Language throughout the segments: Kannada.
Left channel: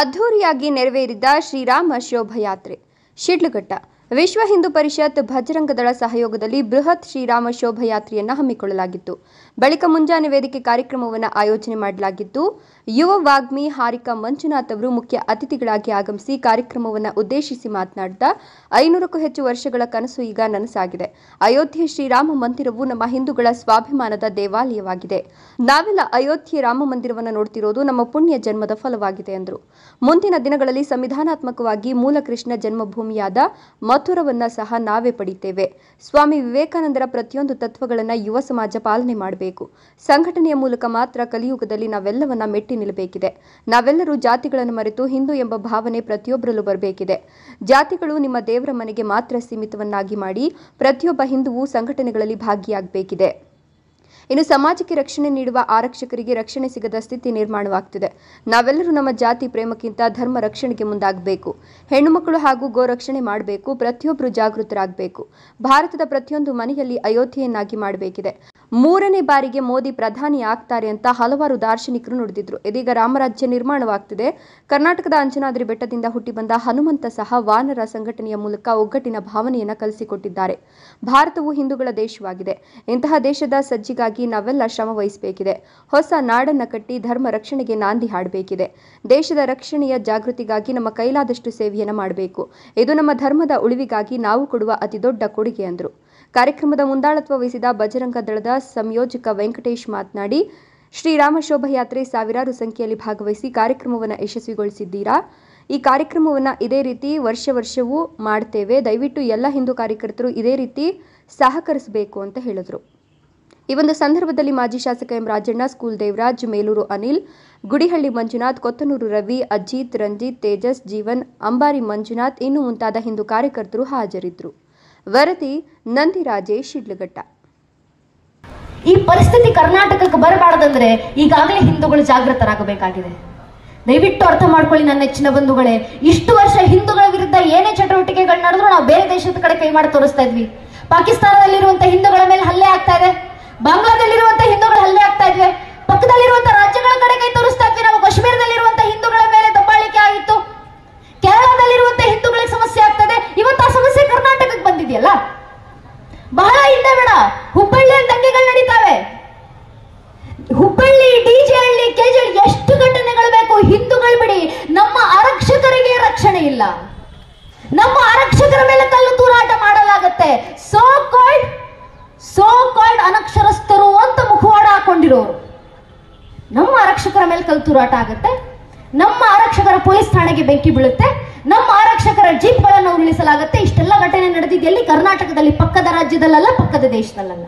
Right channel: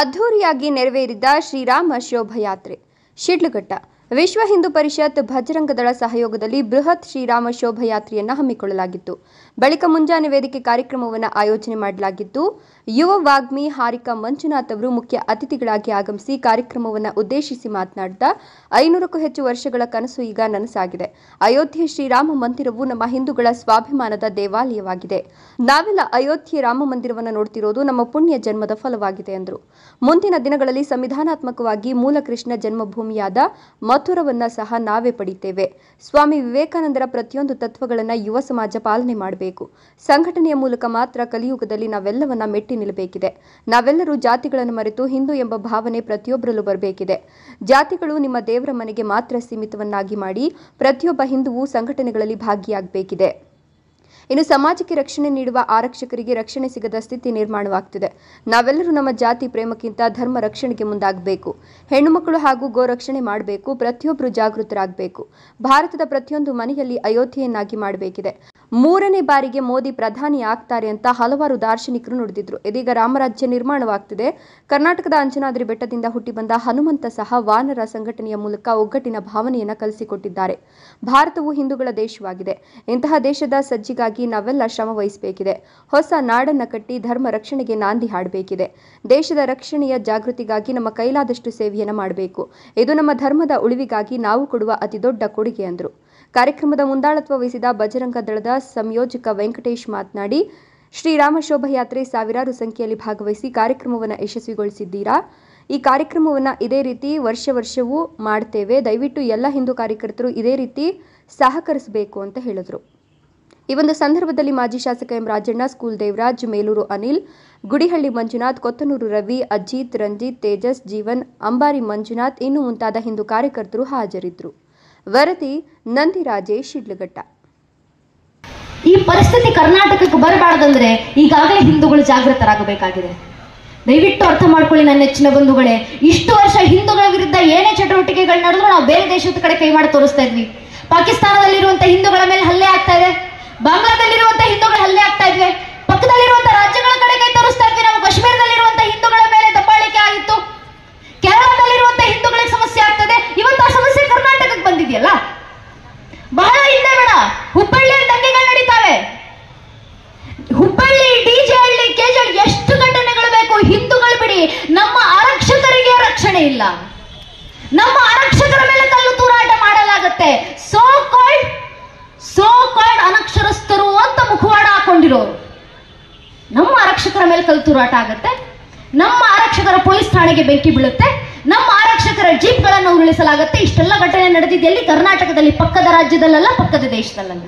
ಅದ್ಧೂರಿಯಾಗಿ ನೆರವೇರಿದ ಶ್ರೀರಾಮ ಶೋಭಾಯಾತ್ರೆ ಶಿಡ್ಲಘಟ್ಟ ವಿಶ್ವ ಹಿಂದೂ ಪರಿಷತ್ ಭಜರಂಗ ದಳ ಸಹಯೋಗದಲ್ಲಿ ಬೃಹತ್ ಶ್ರೀರಾಮ ಶೋಭಾಯಾತ್ರೆಯನ್ನು ಹಮ್ಮಿಕೊಳ್ಳಲಾಗಿತ್ತು. ಬಳಿಕ ಮುಂಜಾನೆ ವೇದಿಕೆ ಕಾರ್ಯಕ್ರಮವನ್ನು ಆಯೋಜನೆ ಮಾಡಲಾಗಿತ್ತು. ಯುವ ವಾಗ್ಮಿ ಹಾರಿಕಾ ಮಂಜುನಾಥ್ ಅವರು ಮುಖ್ಯ ಅತಿಥಿಗಳಾಗಿ ಆಗಮಿಸಿ ಕಾರ್ಯಕ್ರಮವನ್ನು ಉದ್ದೇಶಿಸಿ ಮಾತನಾಡಿದ 500ಕ್ಕೂ ಹೆಚ್ಚು ವರ್ಷಗಳ ಕನಸು ಈಗ ನನಸಾಗಿದೆ. ಅಯೋಧ್ಯೆ ಶ್ರೀರಾಮ ಮಂದಿರವು ನಮ್ಮ ಹಿಂದೂಗಳ ಸ್ವಾಭಿಮಾನದ ದೇವಾಲಯವಾಗಿದೆ. ನಾವೆಲ್ಲ ಅಯೋಧ್ಯೆ ರಾಮ ಮಂದಿರವನ್ನು ನೋಡ್ತಿರೋದು ನಮ್ಮ ಪುಣ್ಯ ಜನ್ಮದ ಫಲವಾಗಿದೆ ಎಂದರು. ಮುಂದಿನ ದಿನಗಳಲ್ಲಿ ಸಂವಿಧಾನಾತ್ಮಕವಾಗಿ ಮೂಲ ಕೃಷ್ಣ ಜನ್ಮಭೂಮಿಯಾದ ಮಥುರವನ್ನ ಸಹ ನಾವೇ ಪಡೆಯುತ್ತೇವೆ. ಸ್ವಾಮಿ ವಿವೇಕಾನಂದರ ಪ್ರತಿಯೊಂದು ತತ್ವಗಳನ್ನು ಯುವ ಸಮಾಜ ಪಾಲನೆ ಮಾಡಬೇಕು. ಸಂಘಟನೆಯ ಮೂಲಕ ಮಾತ್ರ ಕಲಿಯುಗದಲ್ಲಿ ನಾವೆಲ್ಲವನ್ನ ಮೆಟ್ಟಿ ನಿಲ್ಲಬೇಕಿದೆ. ನಾವೆಲ್ಲರೂ ಜಾತಿಗಳನ್ನು ಮರೆತು ಹಿಂದೂ ಎಂಬ ಭಾವನೆ ಪ್ರತಿಯೊಬ್ಬರಲ್ಲೂ ಬರಬೇಕಿದೆ. ಜಾತಿಗಳು ನಿಮ್ಮ ದೇವರ ಮನೆಗೆ ಮಾತ್ರ ಸೀಮಿತವನ್ನಾಗಿ ಮಾಡಿ ಪ್ರತಿಯೊಬ್ಬ ಹಿಂದುವು ಸಂಘಟನೆಗಳಲ್ಲಿ ಭಾಗಿಯಾಗಬೇಕಿದೆ. ಇನ್ನು ಸಮಾಜಕ್ಕೆ ರಕ್ಷಣೆ ನೀಡುವ ಆರಕ್ಷಕರಿಗೆ ರಕ್ಷಣೆ ಸಿಗದ ಸ್ಥಿತಿ ನಿರ್ಮಾಣವಾಗುತ್ತಿದೆ. ನಾವೆಲ್ಲರೂ ನಮ್ಮ ಜಾತಿ ಪ್ರೇಮಕ್ಕಿಂತ ಧರ್ಮ ರಕ್ಷಣೆಗೆ ಮುಂದಾಗಬೇಕು. ಹೆಣ್ಣು ಮಕ್ಕಳು ಹಾಗೂ ಗೋ ರಕ್ಷಣೆ ಮಾಡಬೇಕು. ಪ್ರತಿಯೊಬ್ಬರು ಜಾಗೃತರಾಗಬೇಕು. ಭಾರತದ ಪ್ರತಿಯೊಂದು ಮನೆಯಲ್ಲಿ ಅಯೋಧ್ಯೆಯನ್ನಾಗಿ ಮಾಡಬೇಕಿದೆ. 3ನೇ ಬಾರಿಗೆ ಮೋದಿ ಪ್ರಧಾನಿ ಆಗ್ತಾರೆ ಅಂತ ಹಲವಾರು ದಾರ್ಶನಿಕರು ನುಡಿದಿದ್ರು. ಇದೀಗ ರಾಮರಾಜ್ಯ ನಿರ್ಮಾಣವಾಗ್ತಿದೆ. ಕರ್ನಾಟಕದ ಅಂಜನಾದ್ರಿ ಬೆಟ್ಟದಿಂದ ಹುಟ್ಟಿ ಬಂದ ಹನುಮಂತ ಸಹ ವಾನರ ಸಂಘಟನೆಯ ಮೂಲಕ ಒಗ್ಗಟ್ಟಿನ ಭಾವನೆಯನ್ನು ಕಲಿಸಿಕೊಟ್ಟಿದ್ದಾರೆ. ಭಾರತವು ಹಿಂದೂಗಳ ದೇಶವಾಗಿದೆ. ಇಂತಹ ದೇಶದ ಸಜ್ಜಿಗಾಗಿ ನಾವೆಲ್ಲ ಶ್ರಮ ವಹಿಸಬೇಕಿದೆ. ಹೊಸ ನಾಡನ್ನ ಕಟ್ಟಿ ಧರ್ಮ ರಕ್ಷಣೆಗೆ ನಾಂದಿ ಹಾಡಬೇಕಿದೆ. ದೇಶದ ರಕ್ಷಣೆಯ ಜಾಗೃತಿಗಾಗಿ ನಮ್ಮ ಕೈಲಾದಷ್ಟು ಸೇವೆಯನ್ನು ಮಾಡಬೇಕು. ಇದು ನಮ್ಮ ಧರ್ಮದ ಉಳಿವಿಗಾಗಿ ನಾವು ಕೊಡುವ ಅತಿದೊಡ್ಡ ಕೊಡುಗೆ ಎಂದರು. ಕಾರ್ಯಕ್ರಮದ ಮುಂದಾಳತ್ವ ವಹಿಸಿದ ಬಜರಂಗ ದಳದ ಸಂಯೋಜಕ ವೆಂಕಟೇಶ್ ಮಾತನಾಡಿ, ಶ್ರೀರಾಮ ಶೋಭಾಯಾತ್ರೆ ಸಾವಿರಾರು ಸಂಖ್ಯೆಯಲ್ಲಿ ಭಾಗವಹಿಸಿ ಕಾರ್ಯಕ್ರಮವನ್ನು ಯಶಸ್ವಿಗೊಳಿಸಿದ್ದೀರಾ. ಈ ಕಾರ್ಯಕ್ರಮವನ್ನು ಇದೇ ರೀತಿ ವರ್ಷವೂ ಮಾಡ್ತೇವೆ. ದಯವಿಟ್ಟು ಎಲ್ಲ ಹಿಂದೂ ಕಾರ್ಯಕರ್ತರು ಇದೇ ರೀತಿ ಸಹಕರಿಸಬೇಕು ಅಂತ ಹೇಳಿದರು. ಈ ಒಂದು ಸಂದರ್ಭದಲ್ಲಿ ಮಾಜಿ ಶಾಸಕ ಎಂ ರಾಜಣ್ಣ, ಸ್ಕೂಲ್ ದೇವರಾಜ್, ಮೇಲೂರು ಅನಿಲ್, ಗುಡಿಹಳ್ಳಿ ಮಂಜುನಾಥ್, ಕೊತ್ತನೂರು ರವಿ, ಅಜಿತ್, ರಂಜಿತ್, ತೇಜಸ್, ಜೀವನ್, ಅಂಬಾರಿ ಮಂಜುನಾಥ್ ಇನ್ನೂ ಮುಂತಾದ ಹಿಂದೂ ಕಾರ್ಯಕರ್ತರು ಹಾಜರಿದ್ದರು. ವರದಿ ನಂದಿರಾಜೇಶ್, ಶಿಡ್ಲಘಟ್ಟ. ಈ ಪರಿಸ್ಥಿತಿ ಕರ್ನಾಟಕಕ್ಕೆ ಬರಬಾರದಂದ್ರೆ ಈಗಾಗಲೇ ಹಿಂದೂಗಳು ಜಾಗೃತರಾಗಬೇಕಾಗಿದೆ. ದಯವಿಟ್ಟು ಅರ್ಥ ಮಾಡ್ಕೊಳ್ಳಿ ನನ್ನ ನೆಚ್ಚಿನ ಬಂಧುಗಳೇ. ಇಷ್ಟು ವರ್ಷ ಹಿಂದೂಗಳ ವಿರುದ್ಧ ಏನೇ ಚಟುವಟಿಕೆಗಳು ನಡೆದ್ರು ನಾವು ಬೇರೆ ದೇಶದ ಕಡೆ ಕೈ ಮಾಡಿ ತೋರಿಸ್ತಾ ಇದ್ವಿ. ಪಾಕಿಸ್ತಾನದಲ್ಲಿರುವಂತಹ ಹಿಂದೂಗಳ ಮೇಲೆ ಹಲ್ಲೆ ಆಗ್ತಾ ಇದೆ. ಬಾಂಗ್ಲಾದಲ್ಲಿರುವಂತಹ ಹಿಂದೂಗಳ ಹಲ್ಲೆ ಆಗ್ತಾ ಇದ್ವಿ. ಪಕ್ಕದಲ್ಲಿರುವಂತಹ ರಾಜ್ಯಗಳ ಕಡೆ ಕೈ ತೋರಿಸ್ತಾ ಇದ್ವಿ. ನಾವು ಕಾಶ್ಮೀರದಲ್ಲಿರುವಂತಹ ಹಿಂದೂಗಳ ಮೇಲೆ ದಬ್ಬಾಳಿಕೆ ಆಗಿತ್ತು. ಕೇರಳದಲ್ಲಿರುವಂತಹ ಹಿಂದೂಗಳಿಗೆ ಸಮಸ್ಯೆ ಆಗ್ತದೆ. ಇವತ್ತು ಆ ಸಮಸ್ಯೆ ಕರ್ನಾಟಕಕ್ಕೆ ಬಂದಿದೆಯಲ್ಲ. ಬಹಳ ಹಿಂದೆ ಬೇಡ, ಹುಬ್ಬಳ್ಳಿಯಲ್ಲಿ ದಂಗೆಗಳು ನಡೀತಾವೆ. ಹುಬ್ಬಳ್ಳಿ, ಡಿಜೆಹಳ್ಳಿ, ಕೆಜೆಹಳ್ಳಿ ಎಷ್ಟು ಘಟನೆಗಳು ಬೇಕು. ಹಿಂದೂಗಳು ಬಿಡಿ, ನಮ್ಮ ಆರಕ್ಷಕರಿಗೆ ರಕ್ಷಣೆ ಇಲ್ಲ. ನಮ್ಮ ಆರಕ್ಷಕರ ಮೇಲೆ ಕಲ್ಲು ತೂರಾಟ ಮಾಡಲಾಗುತ್ತೆ. ಸೋ ಕಾಲ್ಡ್ ಅನಕ್ಷರಸ್ಥರು ಅಂತ ಮುಖವಾಡ ಹಾಕೊಂಡಿರೋರು ನಮ್ಮ ಆರಕ್ಷಕರ ಮೇಲೆ ಕಲ್ಲು ತೂರಾಟ ಆಗುತ್ತೆ. ನಮ್ಮ ಆರಕ್ಷಕರ ಪೊಲೀಸ್ ಠಾಣೆಗೆ ಬೆಂಕಿ ಬೀಳುತ್ತೆ. ನಮ್ಮ ಆರಕ್ಷಕರ ಜೀಪ್ಗಳನ್ನು ಉರುಳಿಸಲಾಗುತ್ತೆ. ಇಷ್ಟೆಲ್ಲ ಘಟನೆ ನಡೆದಿದೆಯಲ್ಲಿ ಕರ್ನಾಟಕದಲ್ಲಿ, ಪಕ್ಕದ ರಾಜ್ಯದಲ್ಲ, ಪಕ್ಕದ ದೇಶದಲ್ಲ.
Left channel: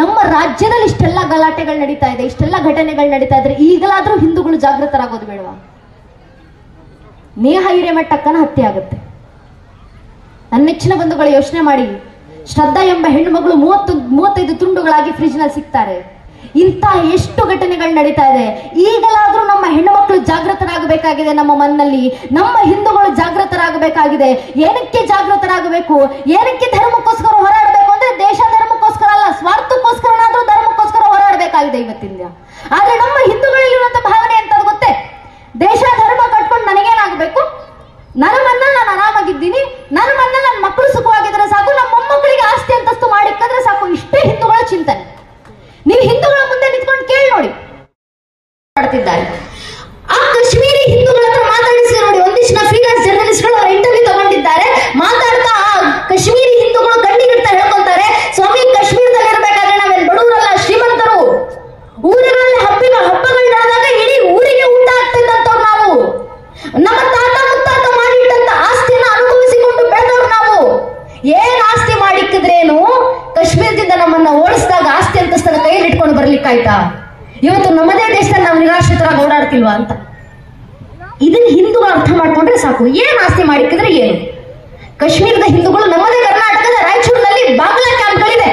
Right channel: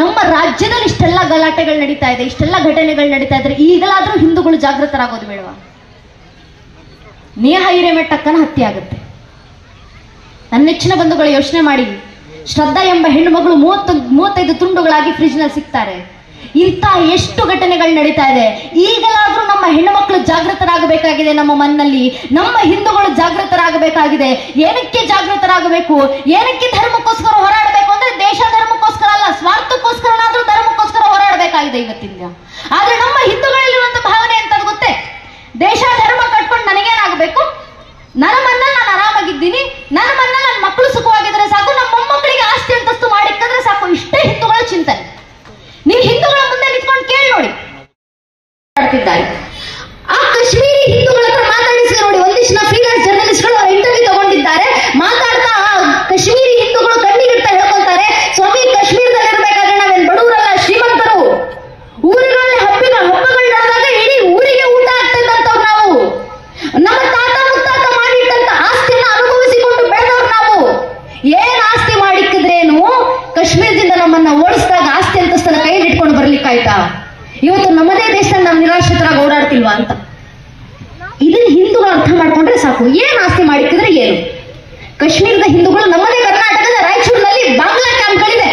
ನಮ್ಮ ರಾಜ್ಯದಲ್ಲಿ ಇಷ್ಟೆಲ್ಲ ಗಲಾಟೆಗಳು ನಡೀತಾ ಇದೆ, ಇಷ್ಟೆಲ್ಲ ಘಟನೆಗಳು ನಡೀತಾ ಇದ್ರೆ ಈಗಲಾದ್ರೂ ಹಿಂದೂಗಳು ಜಾಗೃತರಾಗೋದು ಬೇಡವಾ? ನೇಹ ಹಿರೇಮಠಕ್ಕನ ಹತ್ಯೆ ಆಗುತ್ತೆ. ನನ್ನ ನೆಚ್ಚಿನ ಬಂಧುಗಳು ಯೋಚನೆ ಮಾಡಿ. ಶ್ರದ್ಧಾ ಎಂಬ ಹೆಣ್ಣು ಮಗಳು 35 ತುಂಡುಗಳಾಗಿ ಫ್ರಿಜ್ ನಲ್ಲಿ ಸಿಗ್ತಾರೆ. ಇಂಥ ಎಷ್ಟು ಘಟನೆಗಳು ನಡೀತಾ ಇದೆ. ಈಗಲಾದ್ರೂ ನಮ್ಮ ಹೆಣ್ಣು ಮಕ್ಕಳು ಜಾಗೃತರಾಗಬೇಕಾಗಿದೆ. ನಮ್ಮ ಮನ್ನಲ್ಲಿ ನಮ್ಮ ಹಿಂದೂಗಳು ಜಾಗೃತರಾಗಬೇಕಾಗಿದೆ. ಏನಕ್ಕೆ ಜಾಗೃತರಾಗಬೇಕು? ಏನಕ್ಕೆ ಧರ್ಮಕ್ಕೋಸ್ಕರ ಹೋರಾಡಬೇಕು ಅಂದ್ರೆ ದೇಶ ಧರ್ಮಕ್ಕೋಸ್ಕರ ಅಲ್ಲ, ಸ್ವಾರ್ಥಕ್ಕೋಸ್ಕರನಾದ್ರೂ ಧರ್ಮಕ್ಕೋಸ್ಕರ ಹೋರಾಡಬೇಕಾಗಿದೆ ಇವತ್ತಿಂದ. ಆದ್ರೆ ನಮ್ಮ ಹಿಂದೂಗಳಲ್ಲಿರುವಂತ ಭಾವನೆ ಅಂತ ಗೊತ್ತೇ? ದೇಶ ಧರ್ಮ ಕಟ್ಕೊಂಡು ನನಗೇನಾಗಬೇಕು, ನನ್ನ ಮನ್ನಲ್ಲಿ ನಾನು ಆರಾಮಾಗಿದ್ದೀನಿ, ನನ್ನ ಮನ್ನಲ್ಲಿ ನನ್ನ ಮಕ್ಕಳು ಸುಖವಾಗಿದ್ರೆ ಸಾಕು, ನಮ್ಮ ಮೊಮ್ಮಕ್ಕಳಿಗೆ ಆಸ್ತಿ ಅಂತಸ್ತು ಮಾಡಿಕ್ಕಂದ್ರೆ ಸಾಕು. ಇಷ್ಟೇ ಹಿಂದೂಗಳ ಚಿಂತನೆ. ನೀವು ಹಿಂದೂಗಳ ಮುಂದೆ ನಿಂತ್ಕೊಂಡು ಕೇಳಿ ನೋಡಿ. ಆ ಕಾಶ್ಮೀರಿ ಹಿಂದೂಗಳ ಹತ್ರ ಮಾತಾಡಿಸಿ ನೋಡಿ. ಒಂದಿಷ್ಟು ಫ್ರೀಲಾನ್ಸ್ ಜರ್ನಲಿಸ್ಟ್ಗಳು ಇಂಟರ್ವ್ಯೂ ತಗೊಂಡಿದ್ದಾರೆ. ಮಾತಾಡ್ತಾ ಕಾಶ್ಮೀರಿ ಹಿಂದೂಗಳು ಕಣ್ಣಿಗಿಡ್ತಾ ಹೇಳ್ಕೊಂತಾರೆ, ಸ್ವಾಮಿ ಕಾಶ್ಮೀರದಲ್ಲಿ ಇರಬೇಕಾದ್ರೆ ನಾವೇನು ಬಡವರಲ್ಲ, ಶ್ರೀಮಂತರು. ಊರುಗಳಲ್ಲಿ ಹಬ್ಬಗಳು ನಡೆದಾಗ ಇಡೀ ಊರಿಗೆ ಊಟ ಆಗ್ತಿದ್ದಂತವ್ರು ನಾವು. ನಮ್ಮ ತಾತ ಮುತ್ತಾತ ಮಾಡಿಟ್ಟಂತ ಆಸ್ತಿನ ಅನುಭವಿಸಿಕೊಂಡು ಬೆಳೆದವ್ರು ನಾವು. ಏನ್ ಆಸ್ತಿ ಮಾಡಿಕ್ಕಿದ್ರೇನು, ಕಾಶ್ಮೀರದಿಂದ ನಮ್ಮನ್ನ ಓಡಿಸಿದಾಗ ಆಸ್ತಿ ಅಂತಸ್ತದ ಕೈಯಲ್ಲಿ ಇಟ್ಕೊಂಡು ಬರ್ಲಿಕ್ಕಾಯ್ತಾ? ಇವತ್ತು ನಮ್ಮದೇ ದೇಶದಲ್ಲಿ ನಾವು ನಿರಾಶ್ರಿತರಾಗಿ ಓಡಾಡ್ತಿಲ್ವಾ ಅಂತ. ಇದನ್ನ ಹಿಂದೂಗಳು ಅರ್ಥ ಮಾಡ್ಕೊಂಡ್ರೆ ಸಾಕು. ಏನ್ ಆಸ್ತಿ ಮಾಡಿಕ್ಕಿದ್ರೆ ಏನು? ಕಾಶ್ಮೀರದ ಹಿಂದೂಗಳು ನಮ್ಮದೇ ಕರ್ನಾಟಕದ ರಾಯಚೂರಿನಲ್ಲಿ ಬಾಂಗ್ಲಾ ಕ್ಯಾಂಪ್ಗಳಿದೆ.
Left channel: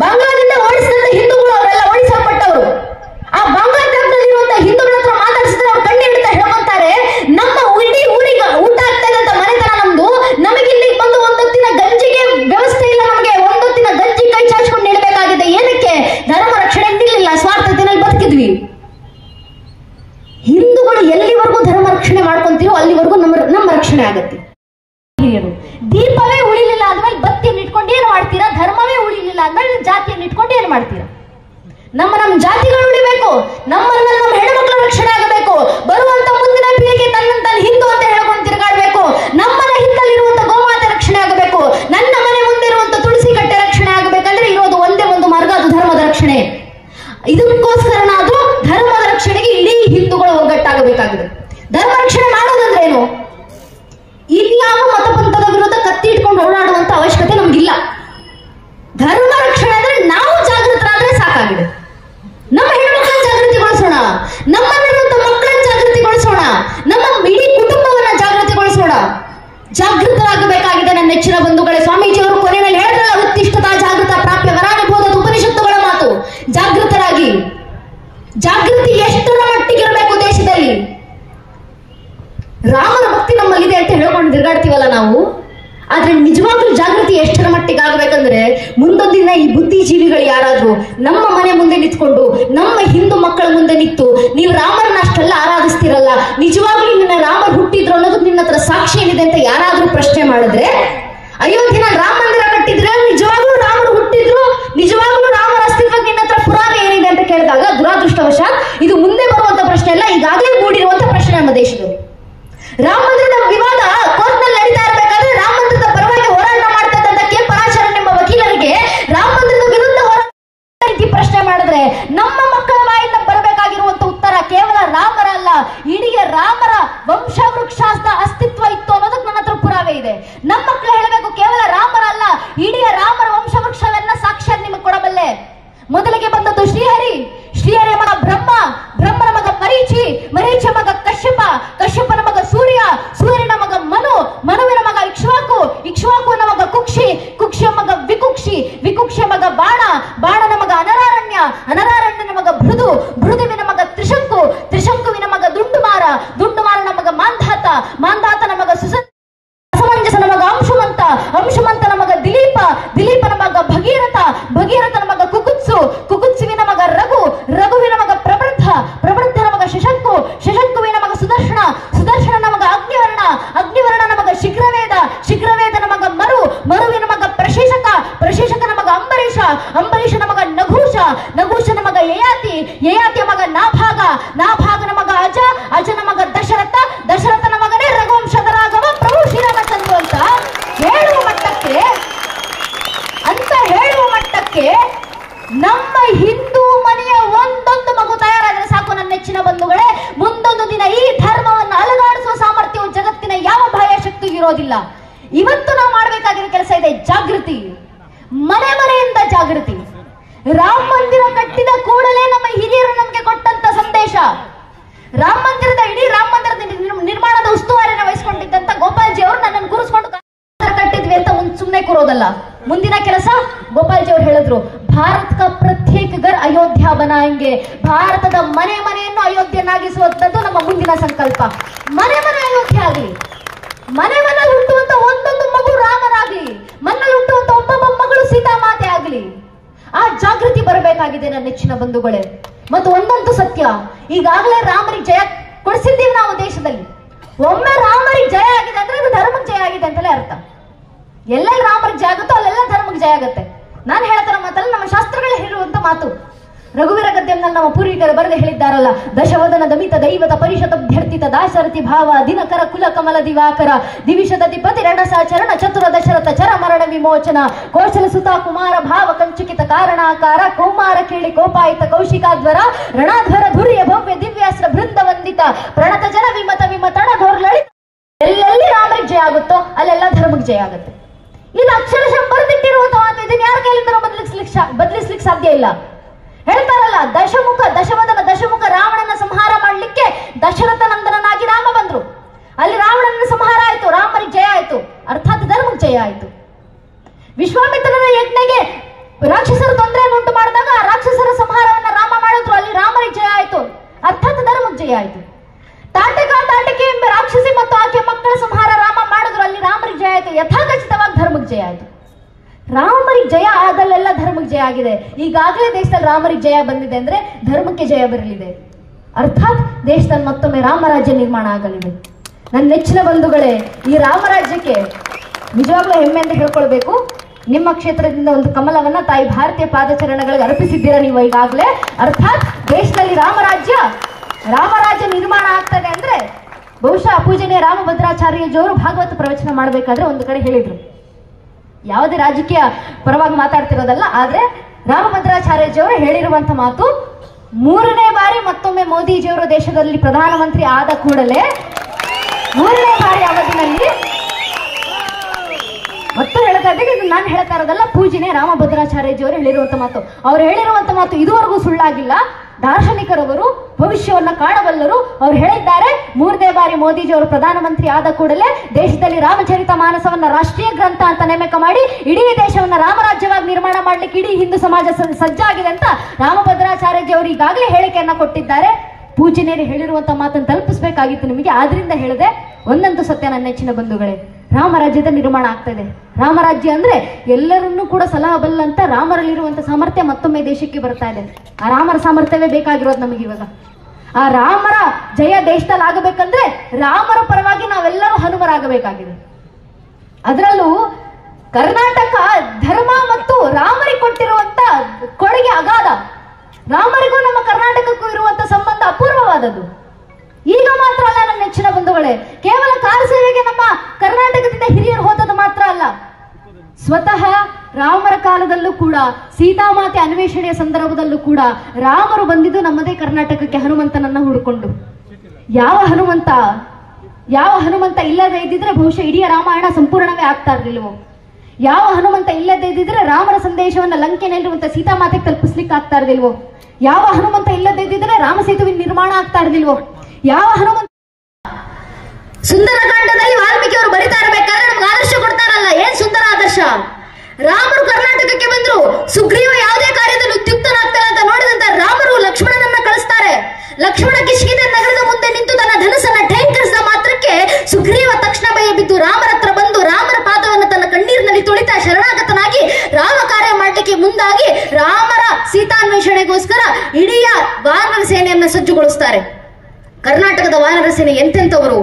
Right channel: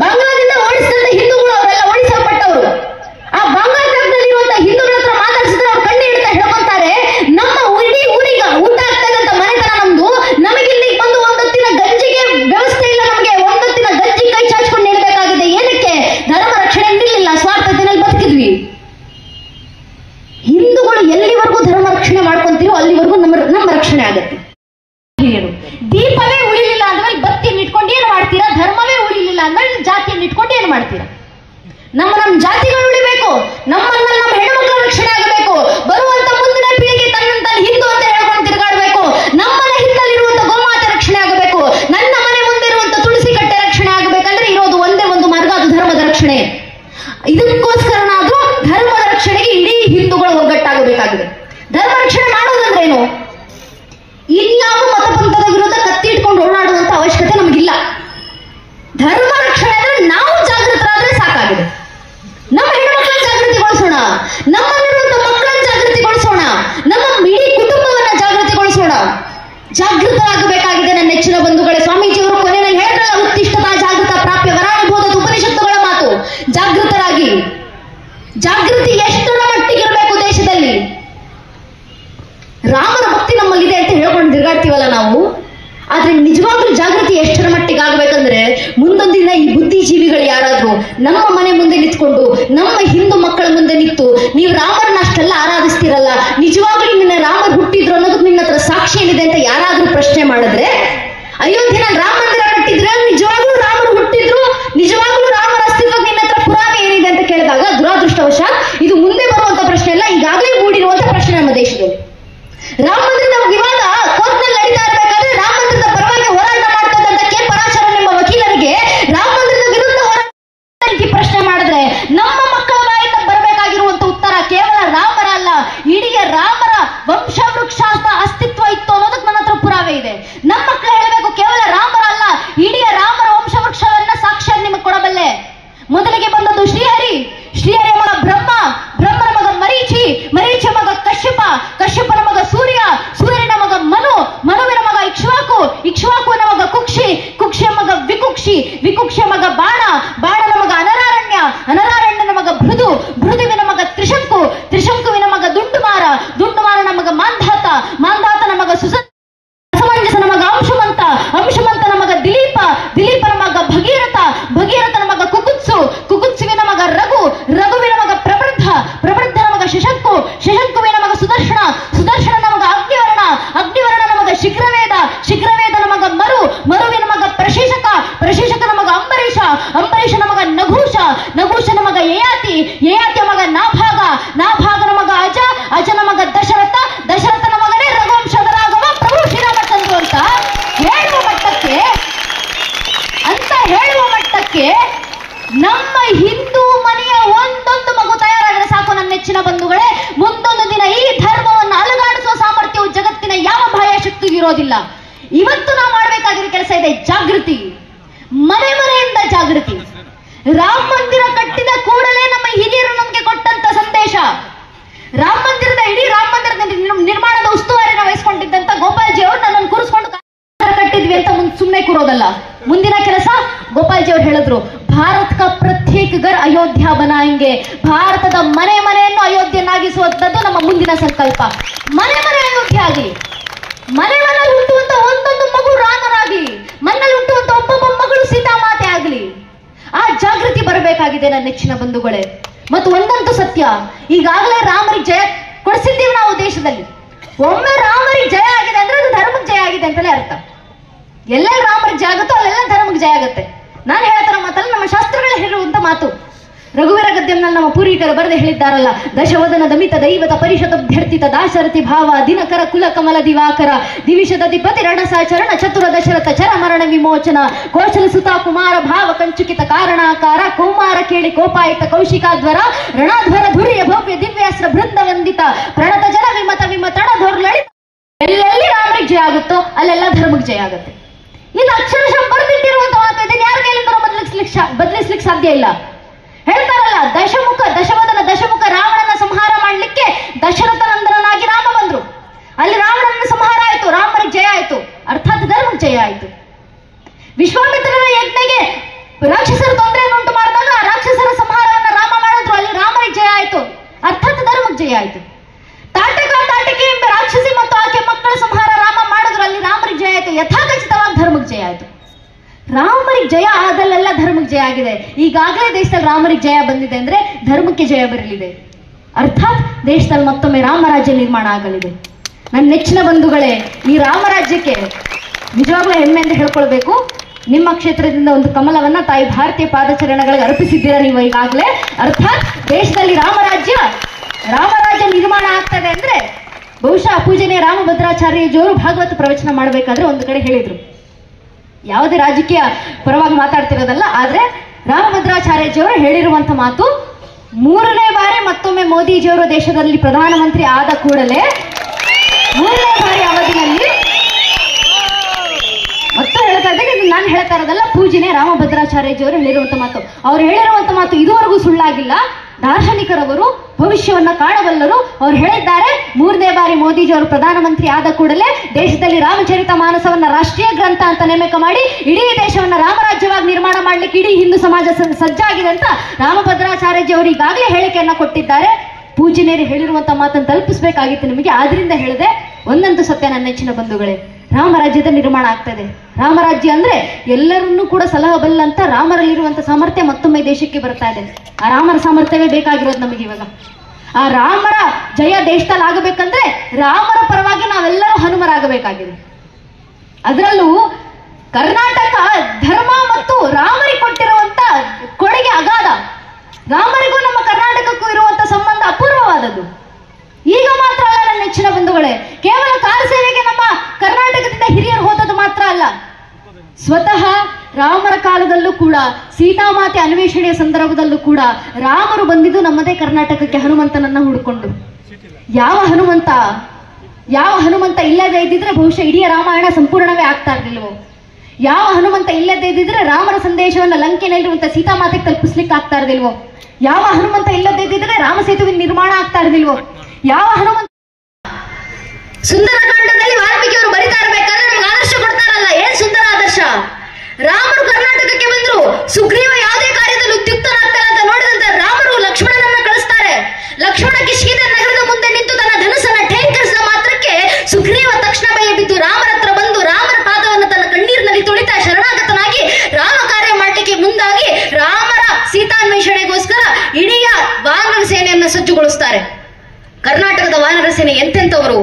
ಬಾಂಗ್ಲಾದಿಂದ ಓಡಿಸಿದ ಹಿಂದೂಗಳು ಅವರೆಲ್ಲ ಓಡಿಸಲ್ಪಟ್ಟವರು. ಆ ಬಾಂಗ್ಲಾ ಕ್ಯಾಂಪ್ನಲ್ಲಿರುವಂತಹ ಹಿಂದೂಗಳ ಹತ್ರ ಮಾತಾಡಿಸಿದ್ರೆ ಅವ್ರು ಕಣ್ಣು ಹಿಡಿತಾ ಹೇಳ್ಕೊಂತಾರೆ, ನಮ್ಮ ಇಡೀ ಊರಿಗೆ ಊಟ ಆಗ್ತದಂತ ಮನೆತನ ನಮ್ದು. ನಮಗಿಲ್ಲಿ ಬಂದು ಒಂದೊತ್ತಿನ ಗಂಜಿಗೆ ವ್ಯವಸ್ಥೆ ಇಲ್ಲ. ನಮಗೆ ಒಂದೊತ್ತಿನ ಗಂಜಿ ಕೈ ಚಾಚ್ಕೊಂಡು ನೀಡಬೇಕಾಗಿದೆ. ಏನಕ್ಕೆ? ಧರ್ಮ ರಕ್ಷಣೆ ನಿಲ್ಲಿಲ್ಲ, ಸ್ವಾರ್ಥತೆಯಲ್ಲಿ ಬದುಕಿದ್ವಿ. ಹಿಂದೂಗಳು ಎಲ್ಲಿವರೆಗೂ ಧರ್ಮ ರಕ್ಷಣೆ ದೀಪವೇ ಉಳಿಲಿಲ್ಲ ಅಂದ್ಮೇಲೆ ಬತ್ತಿಯನ್ನು ಇಟ್ಕೊಂಡು ಏನ್ ಮಾಡ್ತೀರಾ? ಧರ್ಮವೇ ಉಳಿಲಿಲ್ಲ ಅಂದ್ಮೇಲೆ ಜಾತಿಯನ್ನು ಇಟ್ಕೊಂಡು ಏನ್ ಮಾಡ್ತೀರಾ? ನಮ್ಮ ಜಾತಿಗಳು ಉಳಿಬೇಕು, ನಮ್ಮ ಹೆಣ್ಣುಮಕ್ಕಳ ರಕ್ಷಣೆ ಆಗಬೇಕು, ಬರುವಂತ ಮುಂದಿನ ಪೀಳಿಗೆ ತನ್ನ ಹಿಂದೂ ಅಂತ ಹೇಳ್ಕೊಂಡು ತಿರುಗಾಡಬೇಕು, ನಮ್ಮನ ಹಿತ್ತಲಿರುವಂತ ಗೋಮಾತೆ ರಕ್ಷಣೆ ಆಗಬೇಕು, ನನ್ನ ಮನೆ ಮುಂದೆ ಇರುವಂತ ತುಳಸಿ ಕಟ್ಟೆ ರಕ್ಷಣೆ ಆಗಬೇಕಂದ್ರೆ ಇರೋದು ಒಂದೇ ಒಂದು ಮಾರ್ಗ, ಅದು ಧರ್ಮದ ರಕ್ಷಣೆ. ಇದಕ್ಕೋಸ್ಕರನಾದ್ರೂ ಧರ್ಮದ ರಕ್ಷಣೆಗೆ ಇಡೀ ಹಿಂದೂಗಳು ಒಗ್ಗಟ್ಟಾಗಬೇಕಾಗಿದೆ. ಧರ್ಮ ರಕ್ಷಣೆ ಮಾಡೋದಂದ್ರೆ ಏನು? ಇನ್ಯಾವ ಮತಪಂಥದ ವಿರುದ್ಧ ಕತ್ತಿ ಇಟ್ಕೊಂಡು ಓಡಾಡುವಂತ ಅವಶ್ಯಕತೆ ನಮ್ಗಿಲ್ಲ. ಧರ್ಮ ರಕ್ಷಣೆ ಅಂದ್ರೆ ನಾವು ಜಾಗೃತರಾದ್ರೆ ಸಾಕಾಗಿದೆ. ನಮ್ಮ ಹೆಣ್ಣುಮಕ್ಕಳನ್ನ ಜಾಗೃತಿಗೊಳಿಸೋಣ, ನಮ್ಮಲ್ಲಿರುವಂತ ಮಕ್ಕಳನ್ನ ಜಾಗೃತಿಗೊಳಿಸೋಣ, ನಮ್ಮ ಇಡೀ ಕುಟುಂಬವನ್ನ ಜಾಗೃತಿಗೊಳಿಸೋಣ. ಜಾಗೃತರಾಗಬೇಕಾಗಿದೆ ನನ್ನ ನೆಚ್ಚಿನ ಬಂಧುಗಳೇ. ಸ್ವಾಮೀಜಿಯವರು ಕೊನೆಯಲ್ಲಿ ಹೇಳಿದ್ರಲ್ಲ, ಉತ್ತಿಷ್ಠತಾ ಜಾಗೃತ ಪ್ರಾಪ್ಯ ವರಾನುಭೋಧದ ಉಪನಿಷತ್ತುಗಳ ಮಾತು. ಜಾಗೃತರಾಗಿ. ಜಾಗೃತಿ ಎಷ್ಟರ ಮಟ್ಟಿಗೆ ಇರಬೇಕು ದೇಶದಲ್ಲಿ? ರಾಮನ ಭಕ್ತಿ ನಮ್ಮಲ್ಲಿದೆ ಅಂತ ಹೇಳ್ಕೊಂಡು ತಿರುಗಾಡ್ತೀವಲ್ಲ ನಾವು, ಆದ್ರೆ ನಿಜವಾಗ್ಲೂ ಜಾಗೃತಿ ಎಷ್ಟರ ಮಟ್ಟಿಗೆ ಆಗ್ಬೇಕಂದ್ರೆ ಮುಂದೊಂದು ದಿನ ಈ ಬುದ್ಧಿಜೀವಿಗಳು ಯಾರಾದ್ರೂ ನಮ್ಮ ಮನೆ ಮುಂದೆ ನಿಂತ್ಕೊಂಡು, ನಮ್ಮ ಹಿಂದೂ ಮಕ್ಕಳ ಮುಂದೆ ನಿಂತು, ನೀವು ರಾಮರನ್ನ ಅಷ್ಟೆಲ್ಲ ಆರಾಧಿಸ್ತಿರಲ್ಲ, ನಿಜವಾಗ್ಲೂ ನಿನ್ನ ರಾಮರ್ ಹುಟ್ಟಿದ್ರು ಅನ್ನೋದಕ್ಕೆ ನಿನ್ನ ಹತ್ರ ಸಾಕ್ಷಿ ಏನಿದೆ ಅಂತ ಯಾರಾದ್ರೂ ಪ್ರಶ್ನೆ ಮಾಡಿದ್ರೆ, ಅಯೋಧ್ಯೆನಲ್ಲಿ ರಾಮ ಮಂದಿರ ಕಟ್ಟಿದ್ರೆ ನಿಜವಾಗ್ಲೂ ರಾಮರು ಹುಟ್ಟಿದ್ರು, ನಿಜವಾಗ್ಲೂ ರಾಮರ ಅಸ್ತಿತ್ವಕ್ಕೆ ನಿನ್ನ ಹತ್ರ ಪುರಾವೆ ಏನಿದೆ ಅಂತ ಕೇಳಿದಾಗ ದುರಾದೃಷ್ಟವಶ ಇದು ಮುಂದೆ ಬರುವಂತ ಪ್ರಶ್ನೆ ಅಲ್ಲ, ಈಗಾಗಲೇ ಮೂಡಿರುವಂತ ಪ್ರಶ್ನೆ ನಮ್ಮ ದೇಶದಲ್ಲಿ. ರಾಮ ಮಂದಿರದ ವಿವಾದ ಕೋರ್ಟ್ನಲ್ಲಿ ನಡೀತಾ ಇರಬೇಕಾದ್ರೆ ರಾಮ ಮಂದಿರದ ಪರವಾಗಿ ಹೋರಾಟ ಮಾಡ್ತಾ ಇದ್ದಂತ ಕೆ ಪರಾಶರನ್ ಎಂಬ ವಕೀಲರಿಗೆ ರಾಮ ಮಂದಿರದ ವಿರುದ್ಧ ಹೋರಾಟ ಪ್ರಶ್ನೆ ಮಾಡಿದ್ರೆ ನಮ್ಮ ಮಕ್ಕಳ ಬಾಯಿಂದ ಬರಬೇಕಾಗಿರುವಂತ ಉತ್ತರ ಕೇವಲ ರಾಮರ ಅಲ್ಲ, ಇಡೀ ರಾಮರ ವಂಶವೃಕ್ಷದ ಅಸ್ತಿತ್ವ ಇತ್ತು ಅನ್ನೋದಕ್ಕೆ ನನ್ನ ಹತ್ರ ಪುರಾವೆ ಇದೆ. ನಮ್ಮ ಮಕ್ಕಳು ಹೇಳಬೇಕು, ಕೇವಲ ರಾಮರ ಅಲ್ಲ, ಇಡೀ ರಾಮರ ವಂಶವೃಕ್ಷವನ್ನ ಸಾಕ್ಷಿಯಾಗಿ ನಿಮಗೆ ಕೊಡಬಲ್ಲೆ. ಮೊದಲಿಗೆ ಬಂದದ್ದು ಶ್ರೀಹರಿ, ಶ್ರೀಹರಿಯ ಮಗ ಬ್ರಹ್ಮ, ಬ್ರಹ್ಮನ ಮಗ ಮರೀಚಿ, ಮರೀಚಿಯ ಮಗ ಕಶ್ಯಪ, ಕಶ್ಯಪನ ಮಗ ಸೂರ್ಯ, ಸೂರ್ಯನ ಮಗ ಮನು, ಮನುವಿನ ಮಗ ಇಕ್ಷ್ವಾಕು, ಇಕ್ಷ್ವಾಕುವಿನ ಮಗ ಕುಕ್ಷಿ, ಕುಕ್ಷಿಯ ಮಗ ವಿಕುಕ್ಷಿ, ವಿಕುಕ್ಷಿಯ ಮಗ ಬಾಣ, ಬಾಣನ ಮಗ ಅನರಾರಣ್ಯ, ಅನರಾರಣ್ಯನ ಮಗ ಭೃದು, ಭೃದುವಿನ ಮಗ ತ್ರಿಶಂಕು, ತ್ರಿಶಂಕುವಿನ ಮಗ ದುಂಡುಮಾರ, ದುಂಡುಮಾರನ ಮಗ ಮಾಂಧಾತ, ಮಾಂಧಾತನ ಮಗ ಅಸಮಂಜಸನ ಮಗ ಅಂಶುಮಂತ, ಅಂಶುಮಂತನ ಮಗ ದಿಲೀಪ, ದಿಲೀಪನ ಮಗ ಭಗೀರಥ, ಭಗೀರಥನ ಮಗ ಕುಕುತ್ಸು, ಕುಕುತ್ಸುವಿನ ಮಗ ರಘು, ರಘುವಿನ ಮಗ ಪ್ರವೃದ್ಧ, ಪ್ರವೃದ್ಧನ ಮಗ ಶಶಂಕು, ಶಶಂಕುವಿನ ಮಗ ಸುದರ್ಶನ, ಸುದರ್ಶನನ ಮಗ ಅಗ್ನಿವರ್ಣ, ಅಗ್ನಿವರ್ಣನ ಮಗ ಶೀಘ್ರವೇದ, ಶೀಘ್ರವೇದನ ಮಗ ಮರು, ಮರುವಿನ ಮಗ ಪ್ರಶೀಷಕ, ಪ್ರಶೀಷಕನ ಮಗ ಅಂಬರೀಷ, ಅಂಬರೀಷನ ಮಗ ನಘೂಷ, ನಘೂಷನ ಮಗ ಯಯಾತಿ, ಯಯಾತಿಯ ಮಗ ನಾಭಾಗ, ನಾಭಾಗನ ಮಗ ಅಜ, ಅಜನ ಮಗ ದಶರಥ, ದಶರಥನ ಮಗನೇ ರಘುವಂಶದ ರಾಘವ ಪ್ರಭು ಶ್ರೀರಾಮಚಂದ್ರ ಅಂತ ಹೇಳುವ ಮಟ್ಟಕ್ಕೆ ನಮ್ಮ ಹಿಂದೂ ಮನೆಯ ಒಂದೊಂದು ಮಗು ತಯಾರಾದರೆ ಸಾಕು ನನ್ನ ನೆಚ್ಚಿನ ಬಂಧುಗಳೇ. ಮುಂದೊಂದು ದಿನ ಈ ಧರ್ಮವನ್ನು ಅಲುಗಾಡಿಸುವ ಸಾಮರ್ಥ್ಯವು ಜಗತ್ತಿನ ಯಾವ ಬಾಹ್ಯ ಶಕ್ತಿಗೂ ಇರೋದಿಲ್ಲ. ಇವತ್ತು ನಾವು ಮಾಡಬೇಕಾಗಿರೋ ಕೆಲಸ ಇದೆ ಜಾಗೃತಿ, ಮನೆ ಮನೆಯಿಂದ ಜಾಗೃತಿ. ರಾಮ ಮಂದಿರ ಕಟ್ಟಿದ ಕೂಡಲೇ ನಮ್ಮ ಹಿರಿಯರು ನಮಗೆ ಕೊಟ್ಟಂತ ಸಂದೇಶ, ರಾಮ ಮಂದಿರದ ಇಡೀ ರಾಮ ಮಂದಿರದ ನಿರ್ಮಾಣದ ಉಸ್ತುವಾರಿನ ವಹಿಸಿಕೊಂಡಿದ್ದಂತ ಗೋಪಾಲ್ಜಿ ಅವರು ನನ್ನನ್ನು ಕೂರಿಸ್ಕೊಂಡು ಕಟ್ಟಿದ್ವಿ ಅಂತ ಸುಮ್ಮನೆ ಕೂರೋದಲ್ಲ. ಮುಂದಿನ ಕೆಲಸ ಗೋಪಾಲ್ಜಿ ಅವರು ಹೇಳಿದ್ರು, ಭಾರತ ಕಾ ಪ್ರತ್ಯೇಕ ಘರ್ ಅಯೋಧ್ಯ ಬನಾಯಂಗೆ, ಭಾರತದ ಮನೆ ಮನೆಯನ್ನು ಅಯೋಧ್ಯೆಯನ್ನಾಗಿಸುವಂತದ್ದು ನಮ್ಮ ಮುಂದಿನ ಸಂಕಲ್ಪ. ಮನೆ ಮನೆ ಅಯೋಧ್ಯೆ ಆಗಲಿ, ಮನೆ ಮನೆ ಹುಟ್ಟುವಂತ ಒಂದೊಂದು ಮಗು ರಾಮನಾಗಲಿ, ಮನೆಯಲ್ಲಿ ಹುಟ್ಟುವಂತ ಒಬ್ಬೊಬ್ಬ ಮಗಳು ಸೀತಾಮಾತೆ ಆಗಲಿ. ಆ ಜಾಗೃತಿ ಬರಬೇಕಾಗಿದೆ ನನ್ನ ನೆಚ್ಚಿನ ಬಂಧುಗಳೇ. ಮತ್ತು ಒಂದಂತೂ ಸತ್ಯ, ಈಗಾಗಲೇ ರಾಮರಿಗೆ ಜಯ ಕೊಡಿಸಿದ್ದೀವಿ ನಾವು ದೇಶದಲ್ಲಿ. ಒಮ್ಮೆ ರಾಮರಿಗೆ ಜಯ ಆಗಿದೆ ಅಂದ್ರೆ ಅದು ಧರ್ಮಕ್ಕೆ ಜಯ ಆಗಿದೆ ಅಂತಲೇ ಅರ್ಥ. ಎಲ್ಲೆಲ್ಲಿ ರಾಮರಿಗೆ ಜಯ ಆಗುತ್ತೋ ಅಲ್ಲೆಲ್ಲ ಧರ್ಮಕ್ಕೆ ಜಯ ಆಗುತ್ತೆ. ನಾನು ಹೇಳತರ ಮಾತಲ್ಲ, ನಮ್ಮ ಶಾಸ್ತ್ರಗಳು ಹೇಳುವಂತ ಮಾತು. ರಘುವೀರ ಗದ್ಯಂನಲ್ಲಿ ನಮ್ಮ ಪೂರ್ವಿಕರು ಬರೆದು ಹೇಳಿದ್ದಾರಲ್ಲ, ದಶವದನ ದಮಿತ ದೈವತ ಪರಿಷದಭ್ಯರ್ಥಿತ ದಾಶರಥಿ ಭಾವ ದಿನಕರ ಕುಲ ಕಮಲ ದಿವಾಕರ ದಿವಿಷದ ದಿಪತಿ ರಣಸಾಚರಣ ಚತುರ ದಶರಥ ಚರ ಮರಣ ವಿಮೋಚನ ಕೌಶಲ ಸುತ ಕುಮಾರ ಭಾವ ಕಂಚುಕಿತ ಕಾರಣಾಕಾರ ಕೌಮಾರ ಕೇಳಿ ಕೋಪಾಯಿತ ಕೌಶಿಕಾಧ್ವರ ರಣಾಧ್ವರ ಧುರ್ಯ ಭವ್ಯ ದಿವ್ಯಾಸ್ತ್ರ ಬೃಂದ ವಂದಿತ ಪ್ರಣತ ಜನ ವಿಮತ ವಿಮತಣ ಧೋರ್ಲಳಿ. ಎಲ್ಲೆಲ್ಲಿ ರಾಮರಿಗೆ ಜಯ ಆಗುತ್ತೋ ಅಲ್ಲೆಲ್ಲ ಧರ್ಮಕ್ಕೆ ಜಯ ಆಗುತ್ತೆ. ಇದು ಅಕ್ಷರಶಃ ಬರೆದಿಟ್ಟಿರುವಂತ ಮಾತು. ಇದನ್ನು ಯಾರ ಕೈಲಿಂದಲೂ ಬದಲಿಸ್ಲಿಕ್ಕೆ ಸಾಧ್ಯ ಇಲ್ಲ. ಹೇಳ್ತಾರಲ್ಲ, ದಶವದನ ದಶಮುಖ ರಾವಣನ ಸಂಹಾರ ಮಾಡ್ಲಿಕ್ಕೆ ದಶರಥ ನಂದನನಾಗಿ ರಾಮ ಬಂದ್ರು. ಅಲ್ಲಿ ರಾವಣನ ಸಂಹಾರ ಆಯ್ತು, ರಾಮರಿಗೆ ಜಯ ಆಯ್ತು, ಅರ್ಥಾತ್ ಧರ್ಮಕ್ಕೆ ಜಯ ಆಯ್ತು. ವಿಶ್ವಾಮಿತ್ರನ ಯಜ್ಞೆಗೆ ರಾಕ್ಷಸರು ತೊಂದರೆಯನ್ನುಂಟು ಮಾಡಿದಾಗ ಆ ರಾಕ್ಷಸರ ಸಂಹಾರವನ್ನ ರಾಮ ಮಾಡಿದ್ರು, ಅಲ್ಲಿ ರಾಮರಿಗೆ ಜಯ ಆಯ್ತು, ಅರ್ಥಾತ್ ಧರ್ಮಕ್ಕೆ ಜಯ ಆಯ್ತು. ತಾಟಕಿ ಎಂಬ ರಾಕ್ಷಸಿ ಮತ್ತು ಆಕೆ ಮಕ್ಕಳ ಸಂಹಾರ ರಾಮ ಮಾಡಿದ್ರು, ಅಲ್ಲಿ ರಾಮರಿಗೆ ಜಯ ಆಯ್ತು, ಯಥಾಖಚಿತವಾಗಿ ಧರ್ಮಕ್ಕೆ ಜಯ ಆಯ್ತು. ರಾಮರಿಗೆ ಜಯ ಆದಲ್ಲೆಲ್ಲ ಧರ್ಮಕ್ಕೆ ಜಯ ಆಗಿದೆ. ಈಗಾಗಲೇ ದೇಶದಲ್ಲಿ ರಾಮರಿಗೆ ಜಯ ಬಂದಿದೆ ಅಂದ್ರೆ ಧರ್ಮಕ್ಕೆ ಜಯ ಬರಲಿದೆ, ಅರ್ಥಾತ್ ದೇಶದಲ್ಲಿ ಮತ್ತೊಮ್ಮೆ ರಾಮರಾಜ್ಯ ನಿರ್ಮಾಣ ಆಗಲಿದೆ. ನನ್ನ ನೆಚ್ಚಿನ ಬಂಧುಗಳೇ, ಈ ರಾಮರಾಜ್ಯಕ್ಕೆ ನಿಜವಾಗ್ಲೂ ಹೆಮ್ಮೆಯಿಂದ ಹೇಳ್ಕೊಳ್ಬೇಕು. ನಿಮ್ಮ ಕ್ಷೇತ್ರದಿಂದ ಒಂದು ಕಮಲವನ್ನ ತಾಯಿ ಭಾರತೀಯ ಪಾದಚರಣೆಗಳಿಗೆ ಅರ್ಪಿಸಿದ್ದೀರಾ ನೀವು ಈಗಾಗಲೇ. ಅರ್ಥಾತ್ ದೇಶದಲ್ಲಿ ರಾಮರಾಜ್ಯ ನಿರ್ಮಾಣ ಆಗ್ತದೆ ಅಂದ್ರೆ ಬಹುಶಃ ಪೂಜನೀಯ ರಾಮಭದ್ರಾಚಾರ್ಯಜಿಯವರು ಭಾಗವತ ಪ್ರವಚನ ಮಾಡಬೇಕಾದ್ರೆ ಒಂದು ಕಡೆ ಹೇಳಿದ್ರು, ಯಾವುದೇ ರಾಜಕೀಯ ಪರವಾಗಿ ಮಾತಾಡ್ತಿರೋದಲ್ಲ, ಆದ್ರೆ ರಾಮಭದ್ರಾಚಾರ್ಯಜಿಯವರು ಹೇಳಿರುವಂತ ಮಾತು, 3ನೇ ಬಾರಿ ಮತ್ತೊಮ್ಮೆ ಮೋದಿಜಿಯವರು ದೇಶದಲ್ಲಿ ಪ್ರಧಾನಮಂತ್ರಿ ಆದ ಕೂಡಲೇ 3ನೇ ಬಾರಿ ಅವಧಿಯಲ್ಲಿ ಮತ್ತು ಹೇಳ್ತಾ ಇದ್ದಾಗ ಇದು ನಾನು ಹೇಳ್ತಾ ಇರೋದಲ್ಲ, ಪೂಜನೆ ರಾಮಭದ್ರಾಚಾರ್ಯಜಿಯವರು ಹೇಳಿರುವಂತ ಮಾತು. ಅವರು ಹೇಳಿರುವಂತ ಮಾತು ಇದುವರೆಗೂ ಸುಳ್ಳಾಗಿಲ್ಲ. ದಾರ್ಶನಿಕರವರು ಭವಿಷ್ಯವನ್ನ ಕಾಣಬಲ್ಲರು. ಅವ್ರು ಹೇಳಿದ್ದಾರೆ, 3ನೇ ಬಾರಿ ಮೋದಿಜಿಯವರು ಪ್ರಧಾನಮಂತ್ರಿ ಆದ ಕೂಡಲೇ ದೇಶದಲ್ಲಿ ರಾಮಚರಿತ ಮಾನಸವನ್ನ ರಾಷ್ಟ್ರೀಯ ಗ್ರಂಥ ಅಂತ ನೇಮಕ ಮಾಡಿ ಇಡೀ ದೇಶವನ್ನ ರಾಮರಾಜ್ಯವಾಗಿ ನಿರ್ಮಾಣ ಮಾಡ್ಲಿಕ್ಕೆ ಇಡೀ ಹಿಂದೂ ಸಮಾಜ ಸಜ್ಜಾಗಿದೆ ಅಂತ ರಾಮಭದ್ರಾಚಾರ್ಯಜಿಯವರು ಈಗಾಗಲೇ ಹೇಳಿಕೆಯನ್ನ ಕೊಟ್ಟಿದ್ದಾರೆ. ಪೂಜನೇರಿ ಹೇಳಿರುವಂತ ಮಾತನ್ನು ತಲುಪಿಸಬೇಕಾಗಿತ್ತು ನಿಮಗೆ. ಆದ್ರಿಂದ ಹೇಳಿದೆ, ಒಂದಂತೂ ಸತ್ಯ ನನ್ನ ನೆಚ್ಚಿನ ಬಂಧುಗಳೇ, ರಾಮರಾಜ್ಯದ ನಿರ್ಮಾಣ ಆಗ್ತದೆ. ರಾಮರಾಜ್ಯ ಅಂದ್ರೆ ಎಲ್ಲರನ್ನೂ ಕೂಡ ಸಲಹಬಲ್ಲಂತ ರಾಮರಲ್ಲಿರುವಂತ ಸಾಮರ್ಥ್ಯ ಮತ್ತೊಮ್ಮೆ ದೇಶಕ್ಕೆ ಬರ್ತಾ ಇದೆ. ಆ ರಾಮರ ಸಾಮರ್ಥ್ಯವೇ ಬೇಕಾಗಿರೋದು ನಮಗೆ ಇವಾಗ. ಆ ರಾಮರ ಜಯ ದೇಶದಲ್ಲಿ ಆಗಬೇಕಂದ್ರೆ ರಾಮರ ಪರವಾಗಿ ನಾವೆಲ್ಲರೂ ಹನುಮರಾಗಬೇಕಾಗಿದೆ. ಅದರಲ್ಲೂ ಕರ್ನಾಟಕ ಧರ್ಮ ಮತ್ತು ರಾಮರಿಗೆ ಕೊಟ್ಟಿರುವಂತ ಕೊಡುಗೆ ಅಗಾಧ. ರಾಮರಿಗೂ ನಮ್ಮ ಕರ್ನಾಟಕಕ್ಕೂ ಇರುವಂತ ಸಂಬಂಧ ಅಪೂರ್ವವಾದದ್ದು. ಈಗ ಮಾತ್ರ ಅಲ್ಲ ನನ್ನ ನೆಚ್ಚಿನ ಬಂಧುಗಳೇ, ಕೇವಲ ಕಾಲ ಸೇವೆಗೆ ನಮ್ಮ ಕರ್ನಾಟಕದಿಂದ ಹಿರಿಯರು ಹೋದದ್ದು ಮಾತ್ರ ಅಲ್ಲ, ಸ್ವತಃ ರಾಮರ ಕಾಲದಲ್ಲೂ ಕೂಡ ಸೀತಾಮಾತೆ ಅನ್ವೇಷಣೆಯ ಸಂದರ್ಭದಲ್ಲೂ ಕೂಡ ರಾಮರು ಬಂದಿದ್ದು ನಮ್ಮದೇ ಕರ್ನಾಟಕಕ್ಕೆ ಹನುಮಂತನನ್ನ ಹುಡುಕೊಂಡು. ಯಾವ ಹನುಮಂತ ಇಲ್ಲದೆ ಇದ್ದಿದ್ರೆ ಬಹುಶಃ ಇಡೀ ರಾಮಾಯಣ ಸಂಪೂರ್ಣವೇ ಆಗ್ತಾ ಇರ್ಲಿಲ್ವೋ? ಯಾವ ಹನುಮಂತ ಇಲ್ಲದೆ ಇದ್ದಿದ್ರೆ ರಾಮರ ಸಂದೇಶವನ್ನ ಲಂಕೆನಲ್ಲಿರುವಂತ ಸೀತಾಮಾತೆಗೆ ತಲುಪಿಸ್ಲಿಕ್ಕೆ ಆಗ್ತಾ ಇರ್ಲಿಲ್ವೋ? ಯಾವ ಹನುಮಂತ ಇಲ್ಲದೆ ಇದ್ದಿದ್ರೆ ರಾಮ ಸೇತುವೆ ನಿರ್ಮಾಣ ಆಗ್ತಾ ಇರ್ಲಿಲ್ವೋ? ಯಾವ ಹನುಮಂತ ಸುಂದರಕಾಂಡದಲ್ಲಿ ವಾಲ್ಮೀಕಿಯವರು ಬರಿತಾ ಇರ್ಬೇಕಾದ್ರೆ ನಮ್ಗೆ ಆದರ್ಶ ಕೊಡ್ತಾರಲ್ಲ, ಏನ್ ಸುಂದರ ಆದರ್ಶ! ರಾಮರು ಕರ್ನಾಟಕಕ್ಕೆ ಬಂದ್ರು, ಸುಗ್ರೀವ ಯಾವುದೇ ಕಾರ್ಯದಲ್ಲಿ ಉದ್ಯುಕ್ತನಾಗ್ತಾರೆ ಅಂತ ನೋಡಿದಂತ ರಾಮರು ಲಕ್ಷ್ಮಣನನ್ನ ಕಳಿಸ್ತಾರೆ. ಲಕ್ಷ್ಮಣ ಕಿಷ್ಕಿಂಧ ನಗರದ ಮುಂದೆ ನಿಂತು ತನ್ನ ಧನುಸನ್ನ ಠೇಂಕರಿಸಿದ ಮಾತ್ರಕ್ಕೆ ಸುಗ್ರೀವ ತಕ್ಷಣ ಭಯ ಬಿದ್ದು ರಾಮರ ಹತ್ರ ಬಂದು ರಾಮರ ಪಾದವನ್ನು ತನ್ನ ಕಣ್ಣೀರಿನಲ್ಲಿ ತುಳಿತಾ ಶರಣಾಗತನಾಗಿ ರಾಮ ಕಾರ್ಯ ಮಾಡ್ಲಿಕ್ಕೆ ಮುಂದಾಗಿ ರಾಮರ ಸೀತಾನ್ವೇಷಣೆಗೋಸ್ಕರ ಇಡೀ ವಾನರ ಸೇನೆಯನ್ನ ಸಜ್ಜುಗೊಳಿಸ್ತಾರೆ. ಕರ್ನಾಟಕದ ವಾನರ ಸೇನೆ ಎಂತೆಂಥವರು!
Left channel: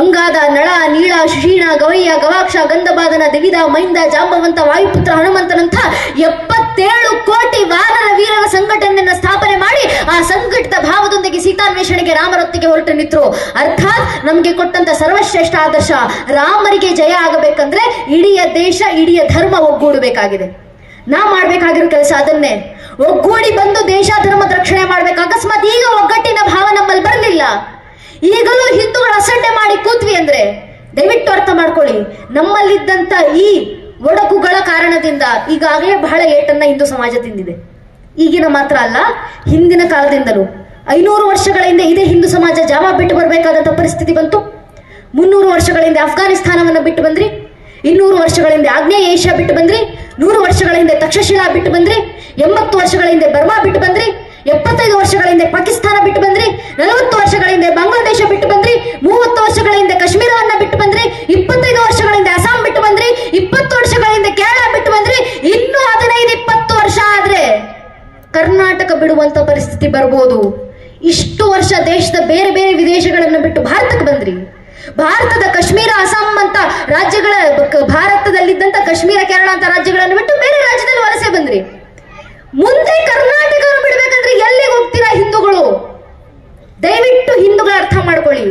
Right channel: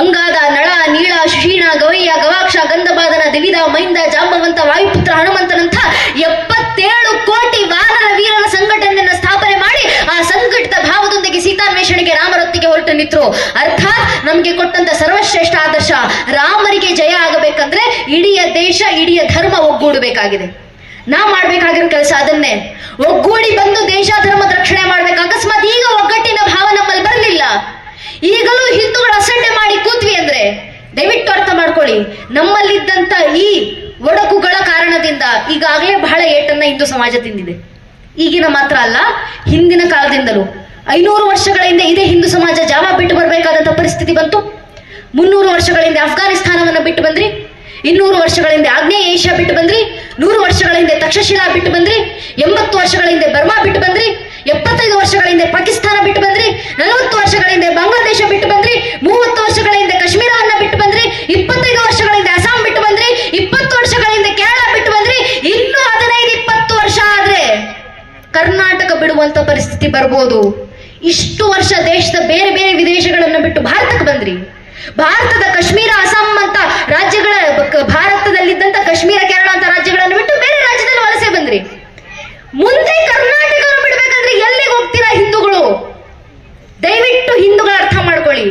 ಅಂಗಾದ, ನಳ, ನೀಳ, ಶುಷೀಣ, ಗವಯ್ಯ, ಗವಾಕ್ಷ, ಗಂಧಬಾದನ, ದಿವಿದ, ಮೈಂದ, ಜಾಂಬವಂತ, ವಾಯುಪುತ್ರ ಹನುಮಂತನಂಥ 77 ಕೋಟಿ ವಾನರ ವೀರರ ಸಂಘಟನೆಯನ್ನ ಸ್ಥಾಪನೆ ಮಾಡಿ ಆ ಸಂಘಟಿತ ಭಾವದೊಂದಿಗೆ ಸೀತಾನ್ವೇಷಣೆಗೆ ರಾಮರೊತ್ತಿಗೆ ಹೊರಟು ನಿಂತರು. ಅರ್ಥಾತ್ ನಮ್ಗೆ ಕೊಟ್ಟಂತ ಸರ್ವಶ್ರೇಷ್ಠ ಆದರ್ಶ, ರಾಮರಿಗೆ ಜಯ ಆಗಬೇಕಂದ್ರೆ ಇಡೀ ದೇಶ, ಇಡೀ ಧರ್ಮ ಒಗ್ಗೂಡಬೇಕಾಗಿದೆ. ನಾವ್ ಮಾಡ್ಬೇಕಾಗಿರೋ ಕೆಲಸ ಅದನ್ನೇ. ಒಗ್ಗೂಡಿ ಬಂದು ದೇಶ ಧರ್ಮದ ರಕ್ಷಣೆ ಮಾಡ್ಬೇಕು. ಅಕಸ್ಮಾತ್ ಈಗ ಒಗ್ಗಟ್ಟಿನ ಭಾವ ನಮ್ಮಲ್ಲಿ ಬರಲಿಲ್ಲ, ಈಗಲೂ ಹಿಂದೂಗಳ ಅಸಡ್ಡೆ ಮಾಡಿ ಕೂತ್ವಿ ಅಂದ್ರೆ ದಯವಿಟ್ಟು ಅರ್ಥ ಮಾಡ್ಕೊಳ್ಳಿ, ನಮ್ಮಲ್ಲಿದ್ದಂತ ಈ ಒಡಕುಗಳ ಕಾರಣದಿಂದ ಈಗಾಗಲೇ ಬಹಳ ಏಟನ್ನ ಹಿಂದೂ ಸಮಾಜ ತಿಂದಿದೆ. ಈಗಿನ ಮಾತ್ರ ಅಲ್ಲ, ಹಿಂದಿನ ಕಾಲದಿಂದಲೂ 500 ವರ್ಷಗಳ ಹಿಂದೆ ಇದೇ ಹಿಂದೂ ಸಮಾಜ ಜಾವ ಬಿಟ್ಟು ಬರಬೇಕಾದಂತ ಪರಿಸ್ಥಿತಿ ಬಂತು. 300 ವರ್ಷಗಳ ಹಿಂದೆ ಅಫ್ಘಾನಿಸ್ತಾನವನ್ನು ಬಿಟ್ಟು ಬಂದ್ರಿ, 200 ವರ್ಷಗಳ ಹಿಂದೆ ಆಗ್ನೇಯ ಏಷ್ಯಾ ಬಿಟ್ಟು ಬಂದ್ರಿ, 100 ವರ್ಷಗಳ ಹಿಂದೆ ತಕ್ಷಶಿಲಾ ಬಿಟ್ಟು ಬಂದ್ರಿ, 80 ವರ್ಷಗಳ ಹಿಂದೆ ಬರ್ಮಾ ಬಿಟ್ಟು ಬಂದ್ರಿ, 75 ವರ್ಷಗಳ ಹಿಂದೆ ಪಾಕಿಸ್ತಾನ ಬಿಟ್ಟು ಬಂದ್ರಿ, 40 ವರ್ಷಗಳ ಹಿಂದೆ ಬಾಂಗ್ಲಾದೇಶ ಬಿಟ್ಟು ಬಂದ್ರಿ, 30 ವರ್ಷಗಳ ಹಿಂದೆ ಕಾಶ್ಮೀರವನ್ನ ಬಿಟ್ಟು ಬಂದ್ರಿ, 25 ವರ್ಷಗಳ ಹಿಂದೆ ಅಸ್ಸಾಂ ಬಿಟ್ಟು ಬಂದ್ರಿ, 20 ವರ್ಷಗಳ ಹಿಂದೆ ಕೇರಳ ಬಿಟ್ಟು ಬಂದ್ರಿ. ಇನ್ನು 15-20 ವರ್ಷ ಆದ್ರೆ ಕರ್ನಾಟಕ ಬಿಡುವಂತ ಪರಿಸ್ಥಿತಿ ಬರ್ಬೋದು. ಇಷ್ಟು ವರ್ಷ ದೇಶದ ಬೇರೆ ಬೇರೆ ವಿದೇಶಗಳನ್ನ ಬಿಟ್ಟು ಭಾರತಕ್ಕೆ ಬಂದ್ರಿ. ಭಾರತದ ಕಾಶ್ಮೀರ, ಅಸ್ಸಾಂ ಅಂತ ರಾಜ್ಯಗಳ, ಭಾರತದಲ್ಲಿದ್ದಂತ ಕಾಶ್ಮೀರ, ಕೇರಳ ಅಂತ ರಾಜ್ಯಗಳನ್ನು ಬಿಟ್ಟು ಬೇರೆ ರಾಜ್ಯದಲ್ಲಿ ವಲಸೆ ಬಂದ್ರಿ. ಮುಂದೆ ಕರ್ನಾಟಕ ಬಿಡ್ಬೇಕಂದ್ರೆ ಎಲ್ಲಿಗೆ ಹೋಗ್ತೀರಾ ಹಿಂದೂಗಳು? ದಯವಿಟ್ಟು ಹಿಂದೂಗಳ ಅರ್ಥ ಮಾಡ್ಕೊಳ್ಳಿ.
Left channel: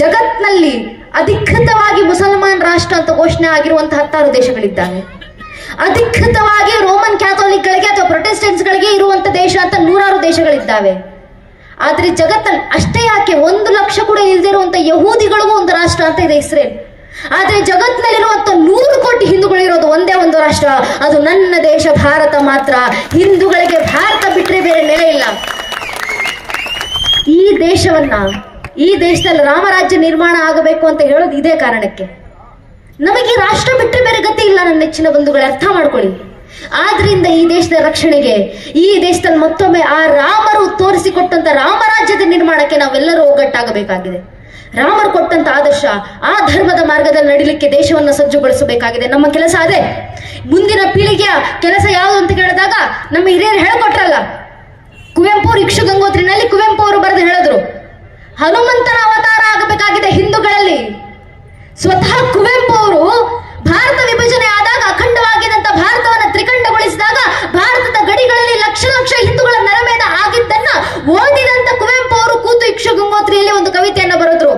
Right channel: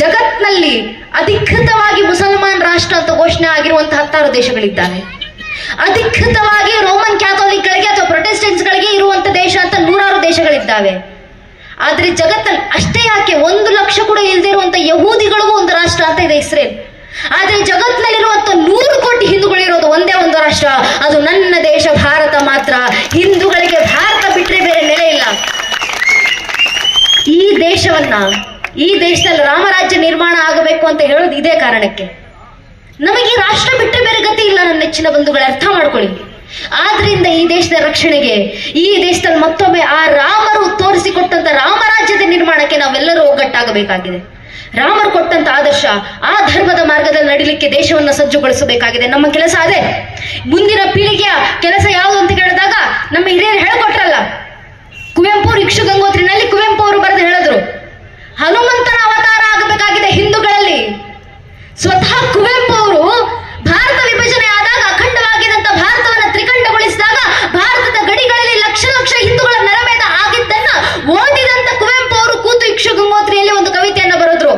ಜಗತ್ನಲ್ಲಿ ಅಧಿಕೃತವಾಗಿ ಮುಸಲ್ಮಾನ್ ರಾಷ್ಟ್ರ ಅಂತ ಘೋಷಣೆ ಆಗಿರುವಂತಹ 16 ದೇಶಗಳಿದ್ದಾವೆ. ಅಧಿಕೃತವಾಗಿ ರೋಮನ್ ಕ್ಯಾಥೋಲಿಕ್ಗಳಿಗೆ ಅಥವಾ ಪ್ರೊಟೆಸ್ಟೆಂಟ್ಸ್ಗಳಿಗೆ ಇರುವಂತ ದೇಶ ಅಂತ 100 ದೇಶಗಳಿದ್ದಾವೆ. ಆದ್ರೆ ಜಗತ್ತಲ್ಲಿ ಅಷ್ಟೇ ಯಾಕೆ 1 ಲಕ್ಷ ಕೂಡ ಇಲ್ಲದೆ ಇರುವಂತ ಯಹೂದಿಗಳಿಗೂ ಒಂದು ರಾಷ್ಟ್ರ ಅಂತ ಇದೆ, ಇಸ್ರೇಲ್. ಆದ್ರೆ ಜಗತ್ತಿನಲ್ಲಿರುವಂತ 100 ಕೋಟಿ ಹಿಂದೂಗಳಿರೋದು ಒಂದೇ ಒಂದು ರಾಷ್ಟ್ರ, ಅದು ನನ್ನ ದೇಶ ಭಾರತ ಮಾತ್ರ. ಹಿಂದೂಗಳಿಗೆ ಭಾರತ ಬಿಟ್ಟರೆ ಬೇರೆ ನೆಲೆ ಇಲ್ಲ. ಈ ದೇಶದಲ್ಲಿ ರಾಮರಾಜ್ಯ ನಿರ್ಮಾಣ ಆಗಬೇಕು ಅಂತ ಹೇಳೋದು ಇದೇ ಕಾರಣಕ್ಕೆ. ನಮಗೆ ಈ ರಾಷ್ಟ್ರ ಬಿಟ್ಟರೆ ಬೇರೆ ಗತಿ ಇಲ್ಲ ನನ್ನ ನೆಚ್ಚಿನ ಬಂಧುಗಳೇ, ಅರ್ಥ ಮಾಡ್ಕೊಳ್ಳಿ. ಆದ್ರಿಂದ ಈ ದೇಶದ ರಕ್ಷಣೆಗೆ, ಈ ದೇಶದಲ್ಲಿ ಮತ್ತೊಮ್ಮೆ ಆ ರಾಮರು ತೋರಿಸಿಕೊಟ್ಟಂತ ರಾಮರಾಜ್ಯದ ನಿರ್ಮಾಣಕ್ಕೆ ನಾವೆಲ್ಲರೂ ಒಗ್ಗಟ್ಟಾಗಬೇಕಾಗಿದೆ. ರಾಮರು ಕೊಟ್ಟಂತ ಆದರ್ಶ, ಆ ಧರ್ಮದ ಮಾರ್ಗದಲ್ಲಿ ನಡಿಲಿಕ್ಕೆ ದೇಶವನ್ನು ಸಜ್ಜುಗೊಳಿಸಬೇಕಾಗಿದೆ. ನಮ್ಮ ಕೆಲಸ ಅದೇ. ಮುಂದಿನ ಪೀಳಿಗೆಯ ಕೆಲಸ ಯಾವುದು ಅಂತ ಕೇಳಿದಾಗ ನಮ್ಮ ಹಿರಿಯರು ಹೇಳಿಕೊಟ್ರಲ್ಲ, ಕುವೆಂಪು ಇಕ್ಷು ಗಂಗೋತ್ರಿನಲ್ಲಿ ಕುವೆಂಪು ಅವರು ಬರೆದು ಹೇಳಿದ್ರು, ಹನುಮಂತನ ಅವತಾರ ಆಗಬೇಕಾಗಿದೆ ಹಿಂದೂಗಳಲ್ಲಿ. ಸ್ವತಃ ಕುವೆಂಪು ಅವರು ಭಾರತ ವಿಭಜನೆ ಆದಾಗ ಅಖಂಡವಾಗಿದ್ದಂತ ಭಾರತವನ್ನ ತ್ರಿಖಂಡಗೊಳಿಸಿದಾಗ ಭಾರತದ ಗಡಿಗಳಲ್ಲಿ ಲಕ್ಷ ಲಕ್ಷ ಹಿಂದೂಗಳ ನರಮೇಧ ಆಗಿದ್ದನ್ನ ಓದಿದಂತ ಕುವೆಂಪು ಅವರು ಕೂತು ಇಕ್ಷುಗಂಗೋತ್ರಿಯಲ್ಲಿ ಒಂದು ಕವಿತೆಯನ್ನ ಬರೆದ್ರು.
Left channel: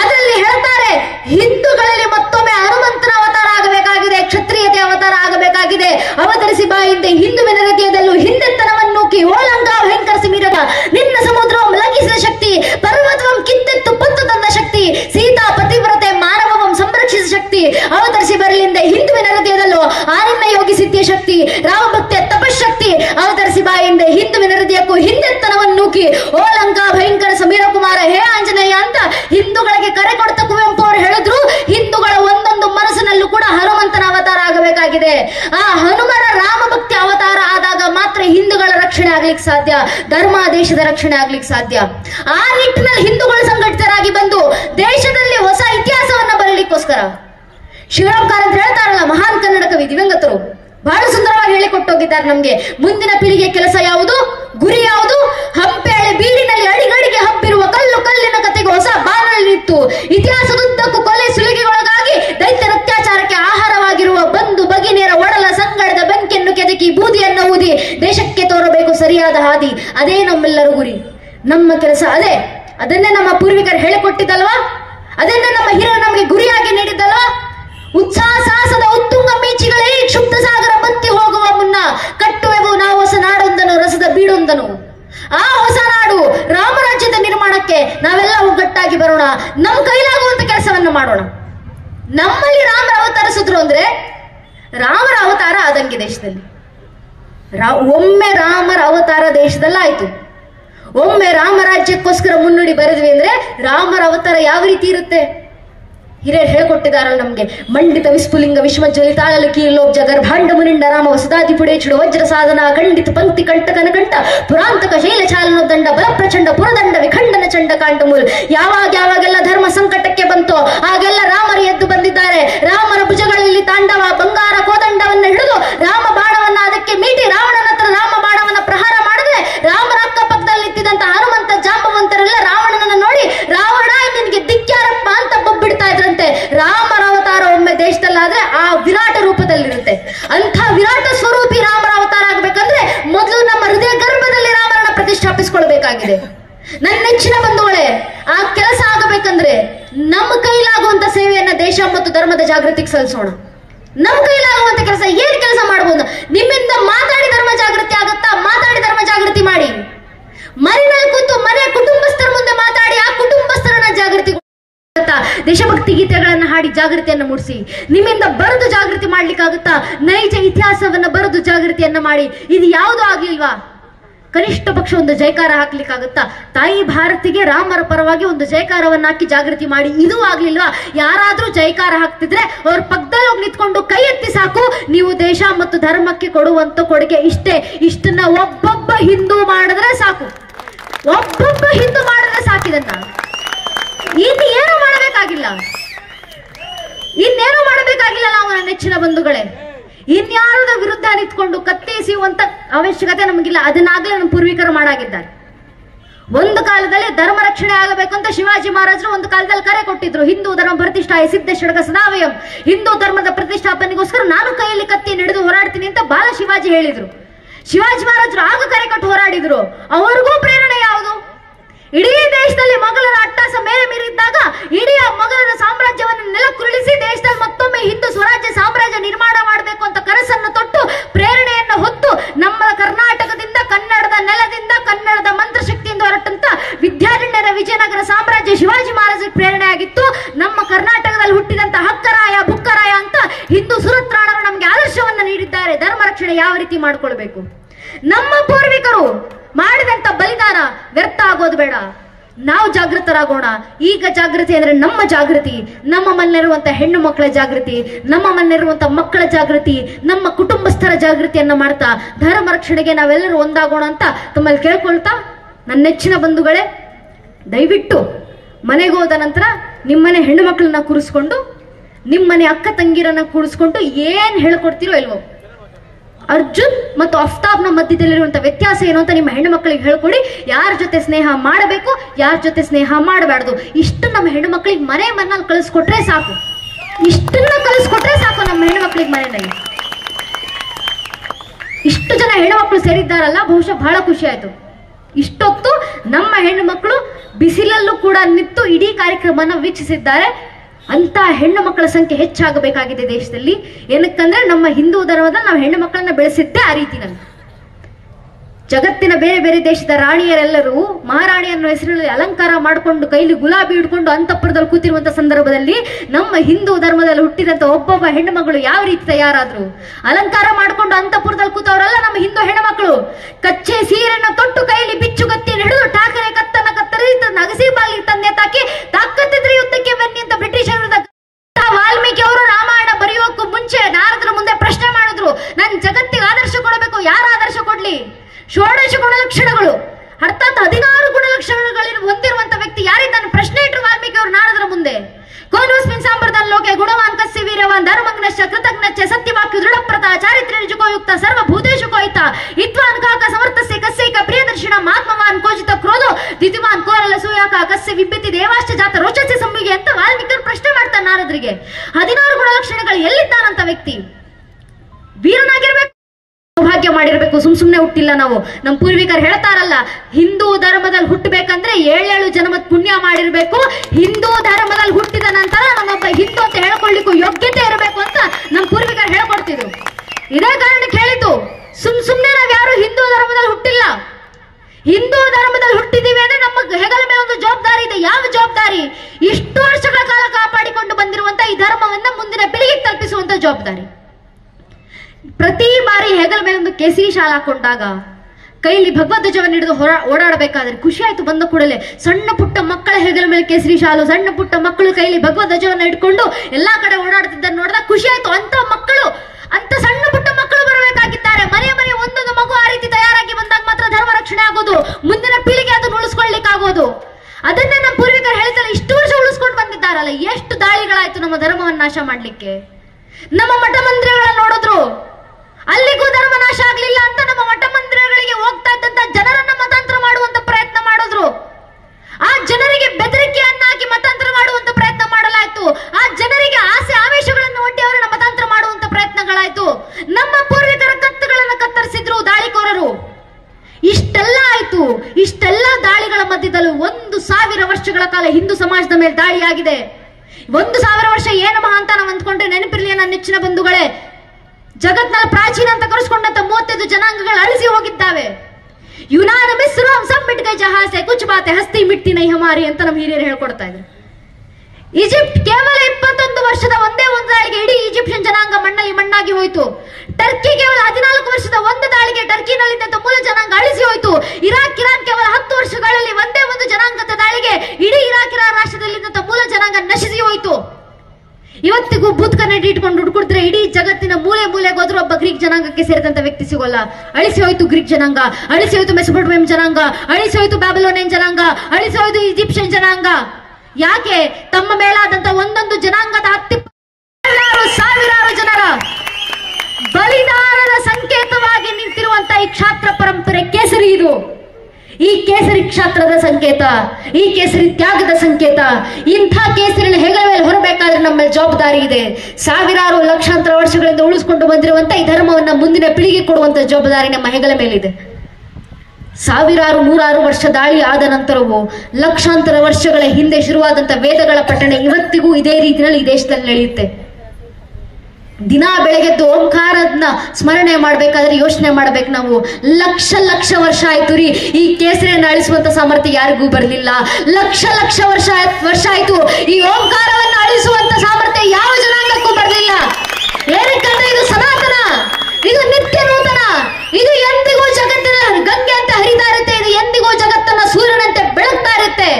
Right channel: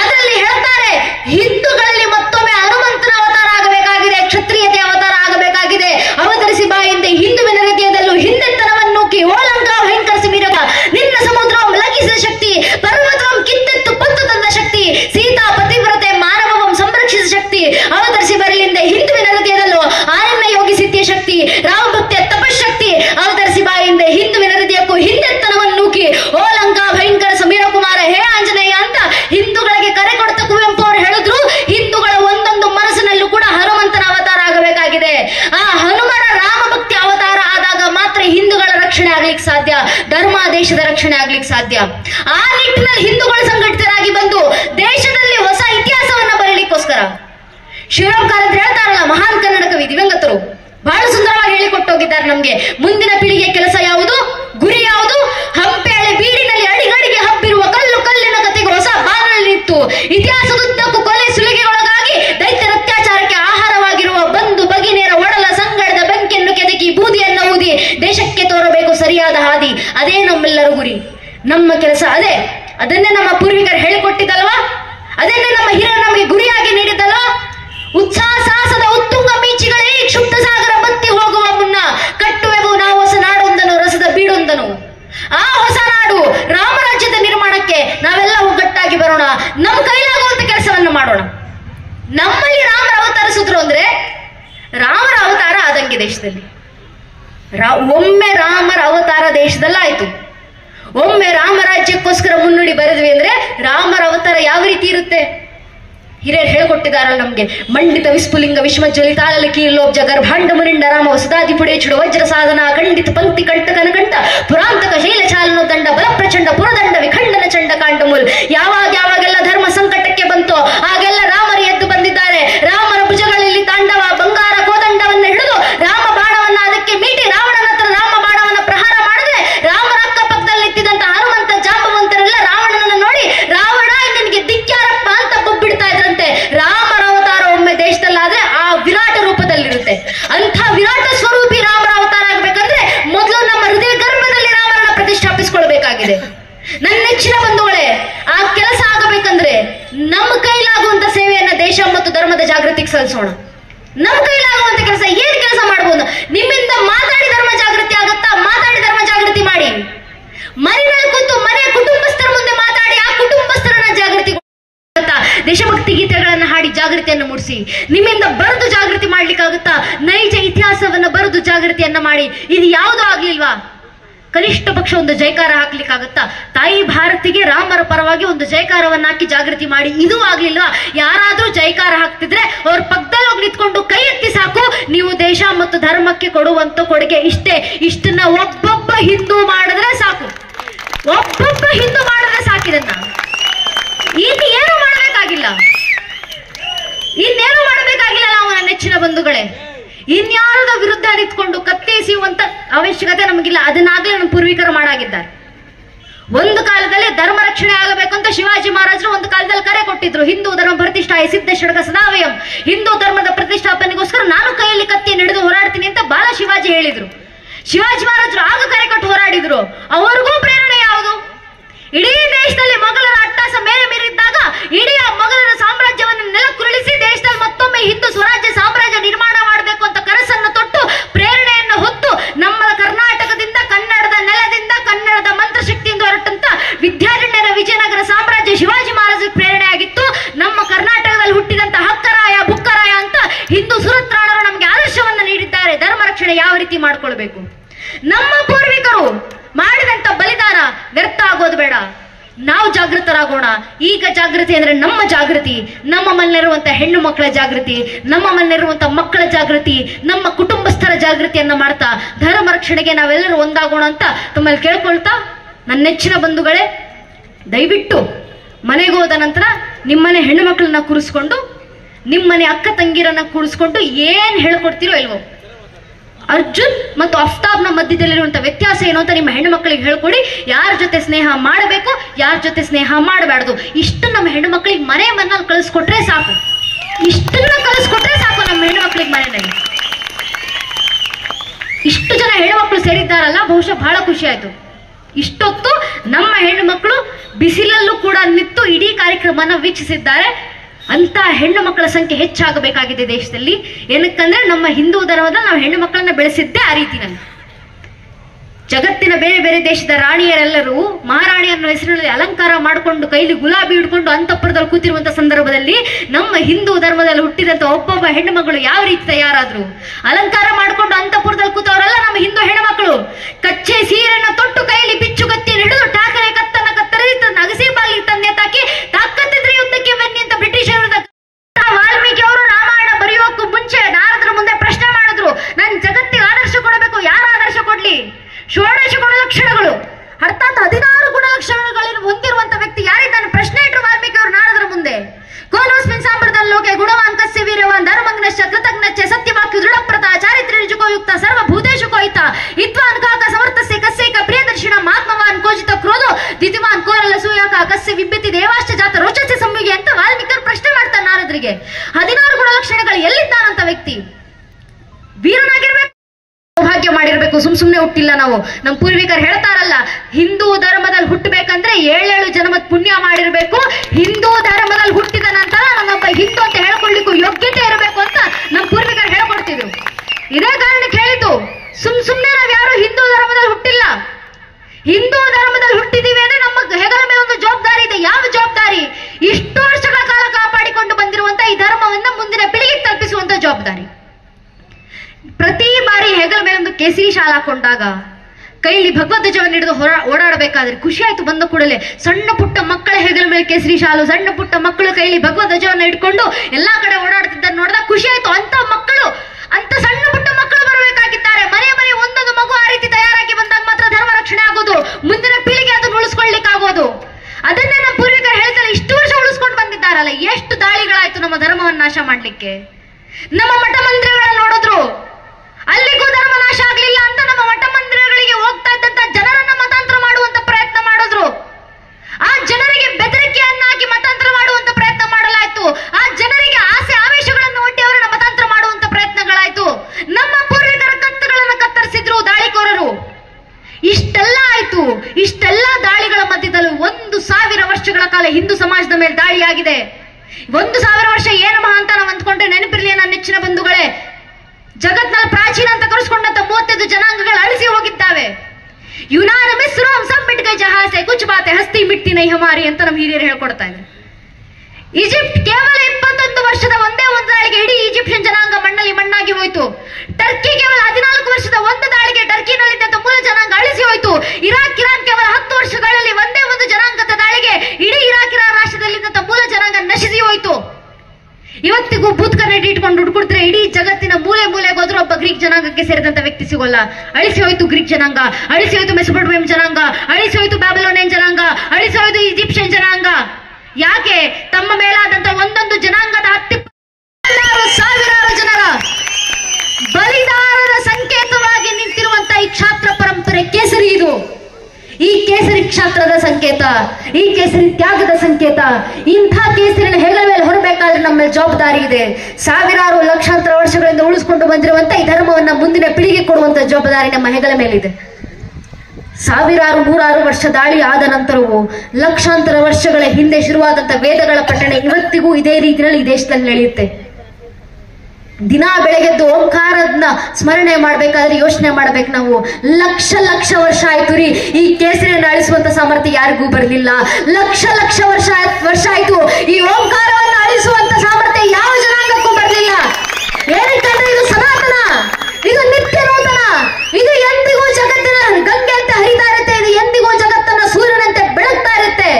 ಅದರಲ್ಲಿ ಹೇಳ್ತಾರೆ, ಹಿಂದೂಗಳಲ್ಲಿ ಮತ್ತೊಮ್ಮೆ ಹನುಮಂತನ ಅವತಾರ ಆಗಬೇಕಾಗಿದೆ, ಕ್ಷತ್ರಿಯತೆ ಅವತಾರ ಆಗಬೇಕಾಗಿದೆ. ಅವತರಿಸಿ ಬಾ ಹಿಂದೆ ಹಿಂದುವಿನ ಹೃದಯದಲ್ಲೂ ಹಿಂದೆತ್ತನವನ್ನು ಓಲಂಕ ಭಯಂಕರ ಸಮೀರಕ ನಿನ್ನ ಸಮುದ್ರವಂ ಲಂಘಿಸಿದ ಶಕ್ತಿ, ಪರ್ವತವಂ ಕಿತ್ತೆತ್ತು ಪತ್ತು ತಂದ ಶಕ್ತಿ, ಸೀತಾ ಪತಿವ್ರತೆ ಮಾನವವಂ ಸಂರಕ್ಷಿಸಿದ ಶಕ್ತಿ, ಅವತರಿಸಿ ಬರಲಿಂದ ಹಿಂದುವಿನ ಹೃದಯದಲ್ಲೂ ಆನಂದ ಯೋಗಿ ಸಿದ್ಧಿಯ ಶಕ್ತಿ, ರಾಮಭಕ್ತಿಯ ತಪಶಕ್ತಿ, ಅವತರಿಸಿ ಬಾ ಹಿಂದೆ ಹಿಂದುವಿನ ಹೃದಯಕ್ಕೂ ಹಿಂದೆತ್ತನವನ್ನು ನೂಕಿ ಓಲಂಕ ಭಯಂಕರ ಸಮೀರ ಕುಮಾರ ಹೇ ಆಂಜನೇಯ ಅಂತ ಹಿಂದೂಗಳಿಗೆ ಕರೆ ಕೊಡ್ತ ಕುವೆಂಪು ಅವರು ಹೇಳಿದ್ರು. ಹಿಂದೂಗಳ ಒಂದೊಂದು ಮನಸ್ಸಿನಲ್ಲೂ ಕೂಡ ಹನುಮಂತನ ಅವತಾರ ಆಗಬೇಕಾಗಿದೆ. ಆ ಹನುಮನ ರಾಮಭಕ್ತಿ ಅವತಾರ ಆದಾಗ ಮಾತ್ರ ಹಿಂದೂಗಳ ರಕ್ಷಣೆ ಆಗ್ಲಿಕ್ಕೆ ಸಾಧ್ಯ, ಧರ್ಮ ದೇಶದ ರಕ್ಷಣೆ ಆಗ್ಲಿಕ್ಕೆ ಸಾಧ್ಯ. ಆ ನಿಟ್ಟಿನಲ್ಲಿ ಹಿಂದೂಗಳು ಸಂಘಟಿತರಾಗಿ ಬಂದು ದೇಶದಲ್ಲಿ ಹೊಸ ಇತಿಹಾಸವನ್ನ ಬರಲಿಕ್ಕೋಸ್ಕರ ಶಿವರಾಮ್ ಕಾರಂತ್ ಹೇಳ್ತಾರಲ್ಲ, ಮಹಾನ್ ಕನ್ನಡ ಕವಿ ದಿವಂಗತರು ಬಹಳ ಸುಂದರವಾಗಿ ಹೇಳಿಕೊಟ್ಟೋಗಿದ್ದಾರೆ ನಮ್ಗೆ. ಮುಂದಿನ ಪೀಳಿಗೆ ಕೆಲಸ ಯಾವುದು, ಗುರಿ ಯಾವುದು? ಹಂಪೆಯಲ್ಲಿ ಬೀಡಿನಲ್ಲಿ ಅಡಿಗಡಿಗೆ ಹಬ್ಬಿರುವ ಕಲ್ಲು ಕಲ್ಲಿನ ಕತೆಗೆ ಹೊಸ ಬಾನಲ್ಲಿ ನಿಂತು ಇತಿಹಾಸದುದ್ದಕ್ಕೂ ಕೊಲೆ ಸುಲಿಗೆಗೊಳಗಾಗಿ ದೈತ್ಯರ ಅತ್ಯಾಚಾರಕ್ಕೆ ಆಹಾರವಾಗಿರುವ ಬಂಧು ಭಗಿನಿಯರ ಒಡಲ ಸಂಗಡದ ಬೆಂಕಿಯನ್ನು ಕೆದಕಿ ಬೂದಿಯನ್ನು ಊದಿ ದೇಶಕ್ಕೆ ತೋರಬೇಕು ಸರಿಯಾದ ಹಾದಿ. ಅದೇ ನಮ್ಮೆಲ್ಲರ ಗುರಿ, ನಮ್ಮ ಕೆಲಸ ಅದೇ. ಅದನ್ನೇ ನಮ್ಮ ಪೂರ್ವಿಕರು ಹೇಳಿಕೊಟ್ಟಿದ್ದಲ್ವಾ, ಅದನ್ನೇ ನಮ್ಮ ಹಿರಿಯರು ನಮಗೆ ಗುರಿಯಾಗಿ ನೀಡಿದ್ದಲ್ವಾ. ಉತ್ಸಾಹ ಸಾಹಸದ ಉತ್ತುಂಗ ಮೀಚಿಗಳೇ ಕ್ಷುಬ್ಧ ಸಾಗರ ಬತ್ತಿ ಹೋಗುವ ಮುನ್ನ ಕಟ್ಟುವೆವು ನಾವು ಹೊಸ ನಾಡೊಂದನು ರಸದ ಬೀಡೊಂದನು. ಆ ಹೊಸ ನಾಡು ರಾಮರಾಜ್ಯದ ನಿರ್ಮಾಣಕ್ಕೆ ನಾವೆಲ್ಲ ಒಗ್ಗಟ್ಟಾಗಿ ಬರೋಣ, ನಮ್ಮ ಕೈಲಾಗುವಂತ ಕೆಲಸವನ್ನು ಮಾಡೋಣ. ನಮ್ಮಲ್ಲಿ ರಾಮರ ಅವತರಿಸಿದ್ರು ಅಂದ್ರೆ ರಾಮರ ಅವತಾರ ಆದಂಗೆ ದೇಶದಲ್ಲಿ. ಒಮ್ಮೆ ರಾಮರ ಅವತಾರ ದೇಶದಲ್ಲಾಯ್ತು, ಒಮ್ಮೆ ರಾಮರಾಜ್ಯಕ್ಕೋಸ್ಕರ ಮುನ್ನುಡಿ ಬರೆದ್ವಿ ಅಂದ್ರೆ ರಾಮರ ಅವತಾರ ಯಾವ ರೀತಿ ಇರುತ್ತೆ ಹಿರಿಯರು ಹೇಳ್ಕೊಟ್ಟಿದಾರಲ್ಲ ನಮ್ಗೆ. ಮಂಡಿತ ವಿಸ್ಫುಲಿಂಗ ವಿಶ್ವಜ್ವಲಿತಾಳಲಿ ಕೀರ್ಲೋಬ್ಜ ಗರ್ಭಾಂಡ ಮುನಿಂಡ ರಾಮ ವಸುದಾದಿ ಪುಡೇಚುಡು ವಜ್ರ ಸಾಧನ ಖಂಡಿತ ಪಂಕ್ತಿ ಕಂಟಕನ ಕಂಠ ಪುರಾಂತಕ ಶೈಲ ಚಾಲನ ದಂಡ ಬಲ ಪ್ರಚಂಡ ಪುರದಂಡ ವಿಖಂಡನ ಚಂಡ ಕಾಂಟಮೂಲ್. ಯಾವಾಗೆಲ್ಲ ಧರ್ಮ ಸಂಕಟಕ್ಕೆ ಬಂತೋ ಆಗೆಲ್ಲ ರಾಮರು ಎದ್ದು ಬಂದಿದ್ದಾರೆ. ರಾಮನ ಭುಜಗಳಲ್ಲಿ ತಾಂಡವ ಬಂಗಾರ ಕೋದಂಡವನ್ನ ಹಿಡಿದು ರಾಮ ಬಾಣವನ್ನ ಅದಕ್ಕೆ ಮೀಟಿ ರಾವಣನ ಹತ್ರ ರಾಮ ಬಾಣವನ್ನ ಪ್ರಹಾರ ಮಾಡಿದ್ರೆ ರಾಮನ ಅಕ್ಕಪಕ್ಕದಲ್ಲಿ ನಿಂತಿದ್ದಂತ ಹನುಮಂತ ಜಾಂಬವಂತರೆಲ್ಲ ರಾವಣನನ್ನ ನೋಡಿ ರಾವಣ ನಿನಗೆ ದಿಕ್ಕ್ಯಾರಪ್ಪ ಅಂತ ಬೊಬ್ಬಿಡ್ತಾ ಇದ್ರಂತೆ. ರಾಮರ ಅವತಾರ ಒಮ್ಮೆ ದೇಶದಲ್ಲಾದ್ರೆ ಆ ವಿರಾಟ ರೂಪದಲ್ಲಿರುತ್ತೆ. ಅಂಥ ವಿರಾಟ ಸ್ವರೂಪಿ ರಾಮರ ಅವತಾರ ಆಗ್ಬೇಕಂದ್ರೆ ಮೊದಲು ನಮ್ಮ ಹೃದಯ ಗರ್ಭದಲ್ಲಿ ರಾಮರನ್ನ ಪ್ರತಿಷ್ಠಾಪಿಸಿಕೊಳ್ಬೇಕಾಗಿದೆ. ನನ್ನ ನೆಚ್ಚಿನ ಬಂಧುಗಳೇ, ಆ ಕೆಲಸ ಆಗಬೇಕಂದ್ರೆ ನಮ್ಮ ಕೈಲಾಗುವಂತ ಸೇವೆಯನ್ನ ದೇಶ ಮತ್ತು ಧರ್ಮದ ಜಾಗೃತಿಗೆ ಸಲ್ಲಿಸೋಣ. ನಮ್ಮ ಕೈಲಾಗುವಂತ ಕೆಲಸ ಏನ್ ಕೆಲಸ ಮಾಡಬಹುದು? ನಿಮ್ಮಿಂದ ಮಾತಾಡಿ ಧರ್ಮ ಜಾಗೃತಿ ಆಗುತ್ತಾ? ಮಾತಾಡಿ ಧರ್ಮ ಜಾಗೃತಿ ಮಾಡಿ. ಮನೆಯಲ್ಲಿ ಕೂತು ಮನೆ ಕುಟುಂಬಸ್ಥರ ಮುಂದೆ ಮಾತಾಡಿ ಆ ಕುಟುಂಬಸ್ಥರನ್ನ ಜಾಗೃತಿ ದೇಶಭಕ್ತಿ ಗೀತೆಗಳನ್ನ ಹಾಡಿ ಜಾಗೃತಿಯನ್ನು ಮೂಡಿಸಿ. ನಿಮ್ಮಿಂದ ಬರೆದು ಜಾಗೃತಿ ಮಾಡ್ಲಿಕ್ಕಾಗುತ್ತಾ? ನೈಜ ಇತಿಹಾಸವನ್ನ ಬರೆದು ಜಾಗೃತಿಯನ್ನ ಮಾಡಿ. ಇದು ಯಾವುದು ಆಗ್ಲಿಲ್ವಾ? ಕನಿಷ್ಠ ಪಕ್ಷ ಒಂದು ಜೈಕಾರ ಹಾಕ್ಲಿಕ್ಕಾಗುತ್ತಾ? ತಾಯಿ ಭಾರತಿಗೆ ರಾಮರ ಪರವಾಗಿ ಒಂದು ಜೈಕಾರವನ್ನ ಹಾಕಿ ಜಾಗೃತಿ ಮಾಡಿ. ಇದು ಆಗ್ಲಿಲ್ವಾ? ಯಾರಾದ್ರೂ ಜೈಕಾರ ಹಾಕ್ತಿದ್ರೆ ಅವ್ರ ಪಕ್ಕದಲ್ಲಿ ಹೋಗಿ ನಿಂತ್ಕೊಂಡು ಕೈ ಎತ್ತಿ ಸಾಕು, ನೀವು ದೇಶ ಮತ್ತು ಧರ್ಮಕ್ಕೆ ಕೊಡುವಂತ ಕೊಡುಗೆ ಇಷ್ಟೇ. ಇಷ್ಟನ್ನ ಒಬ್ಬೊಬ್ಬ ಹಿಂದೂ ಮಾಡಿದ್ರೆ ಸಾಕು, ಒಬ್ಬೊಬ್ಬ ಹಿಂದೂ ಮಾಡಿದ್ರೆ ಸಾಕಿದನ್ನ. ಇನ್ನೇನು ಮಾಡಬೇಕಾಗಿಲ್ಲ, ಇನ್ನೇನು ಮಾಡಬೇಕಾಗಿಲ್ಲ ನಾವು ನನ್ನ ನೆಚ್ಚಿನ ಬಂಧುಗಳೇ. ಇನ್ಯಾರದ ವಿರುದ್ಧ ನಿಂತ್ಕೊಂಡು ಕತ್ತರಿಸುವಂತ ಅವಶ್ಯಕತೆ ನಮಗಿಲ್ಲ. ಅದನ್ನಾಗಲೇ ನಮ್ಮ ಪೂರ್ವಿಕರು ಮಾಡಾಗಿದ್ದಾರೆ. ಒಂದು ಕಾಲದಲ್ಲಿ ಧರ್ಮ ರಕ್ಷಣೆ ಆಗಬೇಕಂತ ಶಿವಾಜಿ ಮಹಾರಾಜರು ಒಂದು ಕಾಲದಲ್ಲಿ ಕರೆ ಕೊಟ್ಟಿದ್ರು. ಹಿಂದೂ ಧರ್ಮ ಪ್ರತಿಷ್ಠಾಯ ಸಿದ್ಧ ಷಡ್ಗ ಸದಾವಯಂ. ಹಿಂದೂ ಧರ್ಮದ ಪ್ರತಿಷ್ಠಾಪನೆಗೋಸ್ಕರ ನಾನು ಕೈಯಲ್ಲಿ ಕತ್ತಿಯನ್ನು ಹಿಡಿದು ಹೋರಾಡ್ತೀನಿ ಅಂತ ಬಾಲ ಶಿವಾಜಿ ಹೇಳಿದ್ರು. ಶಿವಾಜಿ ಮಹಾರಾಜರು ಆಗ ಕರೆ ಕೊಟ್ಟು ಹೋರಾಡಿದ್ರು. ಅವ್ರಿಗೂ ಪ್ರೇರಣೆ ಯಾವುದು? ಇಡೀ ದೇಶದಲ್ಲಿ ಮೊಘಲರ ಅಟ್ಟಾಸ ಮೇಲೆ ಮೀರಿದ್ದಾಗ ಇಡೀ ಮೊಘಲರ ಸಾಮ್ರಾಜ್ಯವನ್ನು ನೆಲಕ್ಕುರುಳಿಸಿ ದೇಶದಲ್ಲಿ ಮತ್ತೊಮ್ಮೆ ಹಿಂದೂ ಸ್ವರಾಜ್ಯ ಸಾಮ್ರಾಜ್ಯ ನಿರ್ಮಾಣ ಮಾಡಬೇಕು ಅಂತ ಕನಸನ್ನು ತೊಟ್ಟು ಪ್ರೇರಣೆಯನ್ನು ಹೊತ್ತು ನಮ್ಮ ಕರ್ನಾಟಕದಿಂದ, ಕನ್ನಡದ ನೆಲದಿಂದ, ಕನ್ನಡದ ಮಂತ್ರಶಕ್ತಿಯಿಂದ ಹೊರಟಂತ ವಿದ್ಯಾರಣ್ಯರ ವಿಜಯನಗರ ಸಾಮ್ರಾಜ್ಯ ಶಿವಾಜಿ ಮಹಾರಾಜ ಪ್ರೇರಣೆ ಆಗಿತ್ತು. ನಮ್ಮ ಕರ್ನಾಟಕದಲ್ಲಿ ಹುಟ್ಟಿದಂತ ಹಕ್ಕರಾಯ ಬುಕ್ಕರಾಯ ಅಂತ ಹಿಂದೂ ಸುರತ್ರಾಣರು ನಮಗೆ ಆದರ್ಶವನ್ನ ನೀಡಿದ್ದಾರೆ. ಧರ್ಮ ರಕ್ಷಣೆ ಯಾವ ರೀತಿ ಮಾಡ್ಕೊಳ್ಬೇಕು. ನಮ್ಮ ಪೂರ್ವಿಕರು ಮಾಡಿದಂತ ಬಲಿದಾನ ವ್ಯರ್ಥ ಆಗೋದು ಬೇಡ. ನಾವು ಜಾಗೃತರಾಗೋಣ. ಈಗ ಜಾಗೃತಿ ಅಂದ್ರೆ ನಮ್ಮ ಜಾಗೃತಿ, ನಮ್ಮ ಮನೆಯಲ್ಲಿರುವಂತ ಹೆಣ್ಣು ಮಕ್ಕಳ ಜಾಗೃತಿ, ನಮ್ಮ ಮನೆಯಲ್ಲಿರುವಂತ ಮಕ್ಕಳ ಜಾಗೃತಿ, ನಮ್ಮ ಕುಟುಂಬಸ್ಥರ ಜಾಗೃತಿಯನ್ನ ಮಾಡ್ತಾ ಧರ್ಮ ರಕ್ಷಣೆಗೆ ನಾವೆಲ್ಲರೂ ಒಂದಾಗೋಣ ಅಂತ ತಮ್ಮಲ್ಲಿ ಕೇಳ್ಕೊಳ್ತಾ, ನನ್ನ ನೆಚ್ಚಿನ ಬಂಧುಗಳೇ, ದಯವಿಟ್ಟು ಮನೆಗೆ ಹೋದ ನಂತರ ನಿಮ್ಮನೆ ಹೆಣ್ಣು ಮಕ್ಕಳನ್ನ ಕೂರಿಸ್ಕೊಂಡು, ನಿಮ್ಮನೆ ಅಕ್ಕ ತಂಗಿರನ್ನ ಕೂರಿಸ್ಕೊಂಡು ಏನ್ ಹೇಳ್ಕೊಡ್ತೀರೋ ಇಲ್ವೋ, ಅರ್ಜುನ್ ಮತ್ತು ಅಫ್ತಾಬ್ನ ಮಧ್ಯದಲ್ಲಿರುವಂತ ವ್ಯತ್ಯಾಸ ಏನು ಅಂತ ನಿಮ್ಮ ಹೆಣ್ಣು ಮಕ್ಕಳಿಗೆ ಹೇಳ್ಕೊಡಿ. ಯಾರ ಜೊತೆ ಸ್ನೇಹ ಮಾಡಬೇಕು, ಯಾರ ಜೊತೆ ಸ್ನೇಹ ಮಾಡಬಾರ್ದು, ಇಷ್ಟು ನಮ್ಮ ಹೆಣ್ಣು ಮಕ್ಕಳಿಗೆ ಮನೆ ಮನೆಯಲ್ಲಿ ಕಳಿಸ್ಕೊಟ್ರೆ ಸಾಕು. ಇಷ್ಟನ್ನ ಕಲಿಸ್ಕೊಟ್ರೆ ಸಾಕು ನಮ್ಮ ಹೆಣ್ಮಕ್ಳಿಗೆ ಮನೆಯಲ್ಲಿ. ಇಷ್ಟು ಜನ ಹೆಣ್ಮಕ್ಳು ಸೇರಿದ್ದಾರಲ್ಲ, ಬಹುಶಃ ಬಹಳ ಖುಷಿ ಆಯ್ತು. ಇಷ್ಟೊತ್ತು ನಮ್ಮ ಹೆಣ್ಣು ಮಕ್ಕಳು ಬಿಸಿಲಲ್ಲೂ ಕೂಡ ನಿಂತು ಇಡೀ ಕಾರ್ಯಕ್ರಮನ ವೀಕ್ಷಿಸಿದ್ದಾರೆ. ಅಂತ ಹೆಣ್ಣು ಮಕ್ಕಳ ಸಂಖ್ಯೆ ಹೆಚ್ಚಾಗಬೇಕಾಗಿದೆ ದೇಶದಲ್ಲಿ. ಏನಕ್ಕಂದ್ರೆ ನಮ್ಮ ಹಿಂದೂ ಧರ್ಮದಲ್ಲಿ ನಾವು ಹೆಣ್ಣು ಮಕ್ಕಳನ್ನ ಬೆಳೆಸಿದ್ದೇ ಆ ರೀತಿನಲ್ಲಿ. ಜಗತ್ತಿನ ಬೇರೆ ಬೇರೆ ದೇಶದ ರಾಣಿಯರೆಲ್ಲರೂ ಮಹಾರಾಣಿ ಅನ್ನೋ ಹೆಸರಿನಲ್ಲಿ ಅಲಂಕಾರ ಮಾಡಿಕೊಂಡು ಕೈಲಿ ಗುಲಾಬಿ ಹಿಡ್ಕೊಂಡು ಅಂತಃಪುರದಲ್ಲಿ ಕೂತಿರುವಂತ ಸಂದರ್ಭದಲ್ಲಿ ನಮ್ಮ ಹಿಂದೂ ಧರ್ಮದಲ್ಲಿ ಹುಟ್ಟಿದಂತ ಒಬ್ಬೊಬ್ಬ ಹೆಣ್ಣು ಮಗಳು ಯಾವ ರೀತಿ ತಯಾರಾದ್ರು? ಅಲಂಕಾರ ಮಾಡ್ಕೊಂಡು ಅಂತಃಪುರದಲ್ಲಿ ಕೂತವರೆಲ್ಲ ನಮ್ಮ ಹಿಂದೂ ಹೆಣ್ಣುಮಕ್ಕಳು. ಕಚ್ಚೆ ಸೀರೆಯನ್ನು ತೊಟ್ಟು ಕೈಲಿ ಬಿಚ್ಚುಗತ್ತಿಯನ್ನು ಹಿಡಿದು ಠಾಕರೆ ಕತ್ತನ್ನ ಕತ್ತರಿಸಿ ನಗಸಿ ಬಾಗಿ ತನ್ನೆತ್ತಾಕಿ ತಾಕತ್ತಿದ್ರೆ ಯುದ್ಧಕ್ಕೆ ಬನ್ನಿ ಅಂತ ಬ್ರಿಟಿಷರ ವಿರುದ್ಧ ವಾಲ್ಮೀಕಿ ಅವರು ರಾಮಾಯಣ ಬರೆಯೋಕ್ಕೂ ಮುಂಚೆ ನಾರದರ ಮುಂದೆ ಪ್ರಶ್ನೆ ಮಾಡಿದ್ರು, ನಾನು ಜಗತ್ತಿಗೆ ಆದರ್ಶ ಕೊಡಬೇಕು, ಯಾರು ಆದರ್ಶ ಕೊಡ್ಲಿ? ಷೋಡಶ ಗುಣಲಕ್ಷಣಗಳು ಅರ್ಥಾತ್ 16 ಗುಣಲಕ್ಷಣಗಳನ್ನು ಹೊಂದಿರುವಂತ ವ್ಯಕ್ತಿ ಯಾರಿದ್ದಾನೆ? ಪ್ರಶ್ನೆ ಇಟ್ಟರು ವಾಲ್ಮೀಕಿ ಅವರು ನಾರದರ ಮುಂದೆ. ಕೋನೋಸ್ಮಿನ್ ಸಾಂಪ್ರದಾಯ ಲೋಕೆ ಗುಣವಾನ್ ಕಸ್ಯ ವೀರ್ಯವಾನ್ ಧರ್ಮಜ್ಞಶ್ಚ ಕೃತಜ್ಞಶ್ಚ ಸತ್ಯವಾಕ್ಯ ದೃಢಪ್ರತ ಚಾರಿತ್ರ್ಯ ನಿಜಕೋಯುಕ್ತ ಸರ್ವಭೂತೇಷು ಕೋಯಿತ ವಿದ್ವಾನ್ ಕಾಕ ಸಮರ್ಥಸ್ಯ ಕಸ್ಯೈಕ ಪ್ರಿಯದರ್ಶಿನ ಮಾತ್ಮವಾನ್ ಕೋಜಿತ ಕ್ರೋಧೋ ದಿತಿಮಾನ್ ಕೋರಲ ಸೂಯಾಕ ಕಸ್ಯ ವಿಭ್ಯತಿ ದೇವಾಶ್ಚ ಜಾತ ರೋಚಸ್ಯ ಸಂಯುಗೆ ಅಂತ ವಾಲ್ಮೀಕಿ ಅವರು ಪ್ರಶ್ನೆ ಮಾಡ್ತಾರೆ ನಾರದರಿಗೆ. 16 ಗುಣಲಕ್ಷಣಗಳು ಎಲ್ಲಿದ್ದಾನಂತ ವ್ಯಕ್ತಿ? ವೀರನಾಗಿರ್ಬೇಕು, ಸೌಭಾಗ್ಯ ಮಾಡಿರ್ಬೇಕು, ಸುಮ್ನೆ ಹುಟ್ಟಿಲ್ಲ ನಾವು. ನಮ್ಮ ಪೂರ್ವಿಕರು ಹೇಳ್ತಾರಲ್ಲ, ಹಿಂದೂ ಧರ್ಮದಲ್ಲಿ ಹುಟ್ಟಬೇಕಂದ್ರೆ 7 ಜನ್ಮದ ಪುಣ್ಯ ಮಾಡಿರ್ಬೇಕು. ಹಿಂದೂ ಧರ್ಮದಲ್ಲಿ ಹುಟ್ಟಿದ ನಂತರ ನಮ್ಮೊಬ್ಬ ಹಿಂದೂ ಅಂತ ಹೇಳ್ಕೊಳ್ಳಿಕ್ಕೂ ಯೋಗ್ಯತೆ ಇರಬೇಕು ಅಂತ ನಮ್ಮ ಪೂರ್ವಿಕರು ಹೇಳ್ಕೊಡ್ತಿದ್ರು. ಇದೇ ಕಾರಣಕ್ಕೆ ಹೇಳಿದ್ದು, ಸುಮ್ನೆ ನಾವ್ ಯಾರು ಹಿಂದೂ ಧರ್ಮದಲ್ಲಿ ಹುಟ್ಟಿಲ್ಲ. ಹಿಂದೂ ಧರ್ಮದಲ್ಲಿ ಹುಟ್ಟಿದೀವಿ ಅಂದ್ರೆ ನಮ್ಮ ಹೆಗಲ ಮೇಲೆ ಒಂದು ಜವಾಬ್ದಾರಿ ಇದೆ. ಯಾವ ಜವಾಬ್ದಾರಿ? ಇಷ್ಟು ವರ್ಷಗಳ ಕಾಲ ಕಾಪಾಡಿಕೊಂಡು ಬಂದಿರುವಂತ ಈ ಧರ್ಮವನ್ನ ಮುಂದಿನ ಪೀಳಿಗೆಗೆ ತಲುಪಿಸುವಂತ ಜವಾಬ್ದಾರಿ. ಪ್ರತಿ ಬಾರಿ ಹೆಗಲ ಮೇಲೆ ಒಂದು ಕೇಸರಿ ಶಾಲ ಹಾಕೊಂಡಾಗ ಕೈಲಿ ಭಗವದ್ಧ್ವಜವನ್ನು ಹಿಡಿದು ಓಡಾಡಬೇಕಾದ್ರೆ ಖುಷಿ ಆಯ್ತು. ಬಂದ ಕೂಡಲೇ ಸಣ್ಣ ಪುಟ್ಟ ಮಕ್ಕಳ ಹೆಗಲ ಮೇಲೆ ಕೇಸರಿ ಶಾಲು, ಸಣ್ಣ ಪುಟ್ಟ ಮಕ್ಕಳು ಕೈಲಿ ಭಗವದ್ಧ್ವಜವನ್ನು ಹಿಡ್ಕೊಂಡು ಎಲ್ಲಾ ಕಡೆ ಓಡಾಡ್ತಿದ್ದ ನೋಡಿದಾಗ ಖುಷಿ ಆಯ್ತು. ಅಂತ ಮಕ್ಕಳು, ಅಂತ ಸಣ್ಣ ಪುಟ್ಟ ಮಕ್ಕಳು ಬರಬೇಕಾಗಿದ್ದಾರೆ. ಮನೆ ಮನೆ ಒಂದೊಂದು ಮಗು ಆ ರೀತಿ ತಯಾರಾಗಿ ಬಂದಾಗ ಮಾತ್ರ ಧರ್ಮ ರಕ್ಷಣೆ ಆಗೋದು, ಮುಂದಿನ ಪೀಳಿಗೆ ಅದನ್ನು ಉಳಿಸ್ಕೊಳ್ಳಿಕ್ಕಾಗೋದು. ಅದನ್ನೇ ನಮ್ಮ ಪೂರ್ವಿಕರು ಹೇಳ್ತಾರೆ. ಇಷ್ಟು ವರ್ಷ ಉಳಿಸ್ಕೊಂಡು ಬಂದಿದ್ದಾರಲ್ಲ, ಎಷ್ಟು ದಾಳಿಗಳಾಯ್ತು ನಮ್ಮ ಧರ್ಮವನ್ನು ನಾಶ ಮಾಡ್ಲಿಕ್ಕೆ. ನಮ್ಮ ಮಠ ಮಂದಿರಗಳನ್ನ ನೋಡಿದ್ರು, ಅಲ್ಲಿಗೂ ಧರ್ಮ ನಾಶ ಆಗ್ಲಿಲ್ಲ ಅಂತ ನಮ್ಮ ಮಠ ಮಂದಿರಗಳಿಗೆ ಹೋಗ್ತಾ ಇದ್ದಂತ ಜನರನ್ನ ಮತಾಂತರ ಮಾಡುವಂತ ಪ್ರಯತ್ನ ಮಾಡಿದ್ರು. ಆ ಜನರಿಗೆ ಬೆದರಿಕೆಯನ್ನ ಹಾಕಿ ಮತಾಂತರ ಮಾಡುವಂತ ಪ್ರಯತ್ನ ಮಾಡಲಾಯ್ತು. ಆ ಜನರಿಗೆ ಆಸೆ ಆವೇಶಗಳನ್ನು ಒಡ್ಡಿ ಅವರನ್ನ ಮತಾಂತರ ಮಾಡುವಂತ ಪ್ರಯತ್ನಗಳಾಯ್ತು. ನಮ್ಮ ಪೂರ್ವಿಕರ ಕತ್ತುಗಳನ್ನು ಕತ್ತರಿಸಿದ್ರು ದಾಳಿಕೋರರು. ಇಷ್ಟೆಲ್ಲ ಆಯ್ತು. ಇಷ್ಟೆಲ್ಲ ದಾಳಿಗಳ ಮಧ್ಯದಲ್ಲೂ 1000 ವರ್ಷಗಳ ಕಾಲ ಹಿಂದೂ ಸಮಾಜದ ಮೇಲೆ ದಾಳಿಯಾಗಿದೆ. 1000 ವರ್ಷ ಏನು ಮಹಾ ಅಂತ ನಾವು ಅಂದ್ಕೊಂಡ್ರೆ ನೆನಪಿರ್ಲಿ ನನ್ನ ನೆಚ್ಚಿನ ಬಂಧುಗಳೇ. ಜಗತ್ನಲ್ಲಿ ಪ್ರಾಚೀನ ಅಂತ ಕರೆಸ್ಕೊಂಡಂತ 35 ಜನಾಂಗಗಳು ಅಳಿಸಿ ಹೋಗಿದ್ದಾವೆ. ಯುನಾನಿಮಸ್ ರೋಮ್ ಸಬ್ಮಿಟ್ ಗೈ ಜಹಾಸೆ ಕುಚ್ ಬಾತೆ ಹಸ್ತಿ ಮಿಟ್ಟಿ ನೈ ಹಮಾರಿ ಅಂತ ನಮ್ಮ ಹಿರಿಯರು ಹೇಳ್ಕೊಡ್ತಾ ಇದ್ರು. ಈಜಿಪ್ಟ್ ಕೇವಲ 21 ವರ್ಷದ ಒಂದೇ ಒಂದು ದಾಳಿಗೆ ಇಡೀ ಈಜಿಪ್ಷಿಯನ್ ಜನಾಂಗ ಮಣ್ಣಲ್ಲಿ ಮಣ್ಣಾಗಿ ಹೋಯಿತು. ಟರ್ಕಿ ಕೇವಲ 14 ವರ್ಷದ ಒಂದು ದಾಳಿಗೆ ಟರ್ಕಿನಲ್ಲಿದ್ದಂತ ಮೂಲ ಜನಾಂಗ ಅಳಿಸಿ ಹೋಯಿತು. ಇರಾನ್ ಕೇವಲ 10 ವರ್ಷಗಳಲ್ಲಿ ಒಂದೇ ಒಂದು ಜನಾಂಗದ ದಾಳಿಗೆ ಇಡೀ ಇರಾನ್ ರಾಷ್ಟ್ರದಲ್ಲಿದ್ದಂತ ಮೂಲ ಜನಾಂಗ ನಶಿಸಿ ಹೋಯಿತು. ಇವತ್ತಿಗೂ ಬೂತ್ ಕನ್ನಡಿ ಇಟ್ಕೊಂಡು ಹುಡುಕಿದ್ರೆ ಇಡೀ ಜಗತ್ತಿನ ಮೂಲೆ ಮೂಲೆಗೆ ಹೋದ್ರೂ ಒಬ್ಬ ಗ್ರೀಕ್ ಜನಾಂಗಕ್ಕೆ ಸೇರಿದಂತ ವ್ಯಕ್ತಿ ಸಿಗೋಲ್ಲ. ಅಳಿಸಿ ಹೋಯ್ತು ಗ್ರೀಕ್ ಜನಾಂಗ, ಅಳಿಸಿ ಹೋಯ್ತು ಮೆಸೊಪೊಟೇಮಿಯನ್ ಜನಾಂಗ, ಅಳಿಸಿ ಹೋಯ್ತು ಬ್ಯಾಬಿಲೋನಿಯನ್ ಜನಾಂಗ, ಅಳಿಸಿ ಹೋಯ್ತು ಈಜಿಪ್ಷಿಯನ್ ಜನಾಂಗ. ಯಾಕೆ? ತಮ್ಮ ಮೇಲಾದಂತ ಒಂದೊಂದು ಜನಾಂಗದ 10,000 ಜನರ ಬಲಿದಾನದ ಸಂಕೇತವಾಗಿ ನಿಂತಿರುವಂತ ಈ ಕ್ಷಾತ್ರ ಪರಂಪರೆ ಕೇಸರಿ. ಇದು ಈ ಕೇಸರಿ ಕ್ಷಾತ್ರದ ಸಂಕೇತ, ಈ ಕೇಸರಿ ತ್ಯಾಗದ ಸಂಕೇತ. ಇಂಥ ಕೇಸರಿನ ಹೆಗಲ ಮೇಲೆ ಹೊರಬೇಕಾದ್ರೆ ನಮ್ಮ ಜವಾಬ್ದಾರಿ ಇದೆ. 1000 ಲಕ್ಷಾಂತರ ವರ್ಷಗಳಿಂದ ಉಳಿಸ್ಕೊಂಡು ಬಂದಿರುವಂತ ಈ ಧರ್ಮವನ್ನ ಮುಂದಿನ ಪೀಳಿಗೆ ಕೊಡುವಂತ ಜವಾಬ್ದಾರಿ ನಮ್ಮ ಹೆಗಲ ಮೇಲಿದೆ. 1,000 ವರ್ಷ ದಾಳಿ ಆದ ನಂತರವೂ ಲಕ್ಷಾಂತರ ವರ್ಷಗಳ ಹಿಂದೆ ಶುರುವಾದಂತ ವೇದಗಳ ಪಠಣ ಇವತ್ತಿಗೂ ಇದೇ ರೀತಿಯಲ್ಲಿ ಈ ದೇಶದಲ್ಲಿ ನಡೆಯುತ್ತೆ. ದಿನ ಬೆಳಗ್ಗೆದ್ದು ಓಂಕಾರದನ್ನ ಸ್ಮರಣೆ ಮಾಡ್ಬೇಕಾದ್ರೆ ಯೋಚನೆ ಮಾಡ್ಬೇಕು ನಾವು. ಲಕ್ಷ ವರ್ಷ ಆಯ್ತು ರೀ ಈ ಕೇಸರಿಯನ್ನು ಅಳಿಸುವಂತ ಸಾಮರ್ಥ್ಯ ಯಾರಿಗೂ ಬರಲಿಲ್ಲ. ಲಕ್ಷ ವರ್ಷ ಆಯ್ತು ಈ ಓಂಕಾರವನ್ನು ಅಳಿಸುವಂತ ಸಾಮರ್ಥ್ಯ ಯಾವ ಜನಾಂಗಕ್ಕೂ ಬರಲಿಲ್ಲ. ಏನಕ್ಕಂದ್ರೆ ಇದು ಸನಾತನ, ಇದು ನಿತ್ಯ ನೂತನ, ಇದು ಎಂದಿಗೂ ಜಗತ್ತಿನ ಗಂಗೆ ಅಂತ ಹರಿತಾ ಇರುತ್ತೆ, ಇದು ಎಂದಿಗೂ ಜಗತ್ತನ್ನ ಸೂರ್ಯನಂತೆ ಬೆಳಗ್ತಾ ಇರುತ್ತೆ.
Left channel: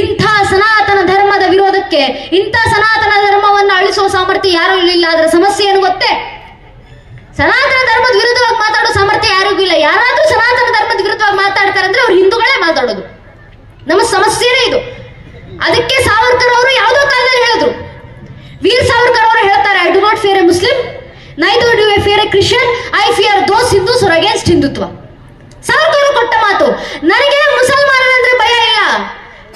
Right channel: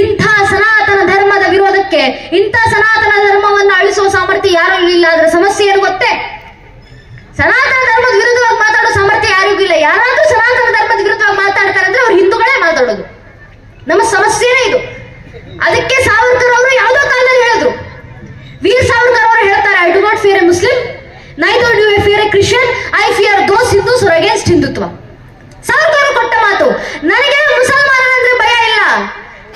ಇಂಥ ಸನಾತನ ಧರ್ಮದ ವಿರೋಧಕ್ಕೆ, ಇಂಥ ಸನಾತನ ಧರ್ಮವನ್ನು ಅಳಿಸುವ ಸಾಮರ್ಥ್ಯ ಯಾರು ಇರಲಿಲ್ಲ. ಅದರ ಸಮಸ್ಯೆ ಏನು ಗೊತ್ತೇ? ಸನಾತನ ಧರ್ಮದ ವಿರುದ್ಧವಾಗಿ ಮಾತಾಡೋ ಸಾಮರ್ಥ್ಯ ಯಾರಿಗೂ ಇಲ್ಲ. ಯಾರಾದ್ರೂ ಸನಾತನ ಧರ್ಮದ ವಿರುದ್ಧವಾಗಿ ಮಾತಾಡ್ತಾರೆ ಅಂದ್ರೆ ಅವ್ರು ಹಿಂದೂಗಳೇ ಮಾತಾಡೋದು. ನಮ್ಮ ಸಮಸ್ಯೆನೇ ಇದು. ಅದಕ್ಕೆ ಸಾವರ್ಕರ್ ಅವರು ಯಾವುದೋ ಕಾಲದಲ್ಲಿ ಹೇಳಿದ್ರು. ವೀರ್ ಸಾವರ್ಕರ್ ಅವರು ಹೇಳ್ತಾರೆ, I do not fear a Muslim, neither do I fear a Christian, I fear those Hindus are against Hindutva. Savarkar ಕೊಟ್ಟ ಮಾತು. ನನಗೆ ಮುಸಲ್ಮಾನರಂದ್ರೆ ಭಯ ಇಲ್ಲ,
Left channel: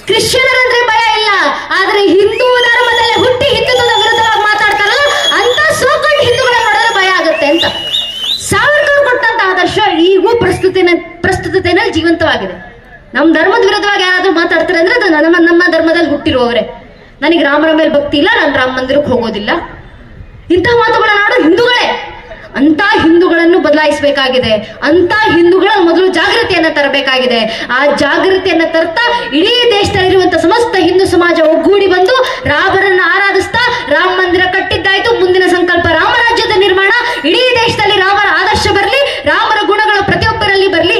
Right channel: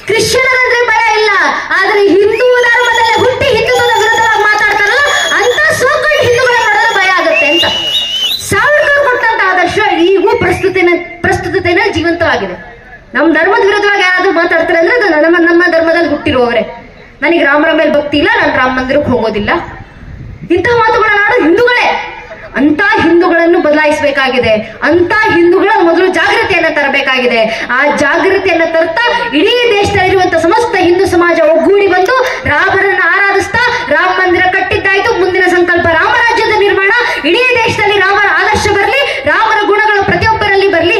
ಕ್ರಿಶ್ಚಿಯನರಂದ್ರೆ ಭಯ ಇಲ್ಲ, ಆದ್ರೆ ಹಿಂದೂ ಧರ್ಮದಲ್ಲಿ ಹುಟ್ಟಿ ಹಿಂದುತ್ವದ ವಿರುದ್ಧವಾಗಿ ಜೀವಂತವಾಗಿದೆ. ನಮ್ಮ ಧರ್ಮದ ವಿರುದ್ಧವಾಗಿ ಯಾರಾದ್ರೂ ಮಾತಾಡ್ತಾರೆ ಅಂದ್ರೆ ಅದು ನಮ್ಮ ಧರ್ಮದಲ್ಲಿ ಹುಟ್ಟಿರುವವರೇ. ನನಗೆ ರಾಮರ ಮೇಲೆ ಭಕ್ತಿ ಇಲ್ಲ, ನಾನು ರಾಮ ಮಂದಿರಕ್ಕೆ ಹೋಗೋದಿಲ್ಲ, ಇಂತಹ ಮಾತುಗಳನ್ನ ಆಡೋ ಹಿಂದೂಗಳೇ. ಅಂತ ಹಿಂದೂಗಳನ್ನು ಬದಲಾಯಿಸಬೇಕಾಗಿದೆ. ಅಂತ ಹಿಂದೂಗಳ ಮೊದಲು ಜಾಗೃತಿಯನ್ನ ತರಬೇಕಾಗಿದೆ. ಆ ಜಾಗೃತಿಯನ್ನ ತರ್ತಾ ಇಡೀ ದೇಶದಲ್ಲಿರುವಂತಹ ಸಮಸ್ತ ಹಿಂದೂ ಸಮಾಜ ಒಗ್ಗೂಡಿ ಬಂದು ರಾಮರನ್ನ ಆರಾಧಿಸ್ತಾ ರಾಮ ಮಂದಿರ ಕಟ್ಟಿದ್ದಾಯ್ತು. ಮುಂದಿನ ಸಂಕಲ್ಪ ರಾಮರಾಜ್ಯದ ನಿರ್ಮಾಣ. ಇಡೀ ದೇಶದಲ್ಲಿ ರಾಮರ ಆದರ್ಶ ಬರಲಿ, ರಾಮರ ಗುಣಗಳು ಪ್ರತಿಯೊಬ್ಬರಲ್ಲಿ ಬರಲಿ.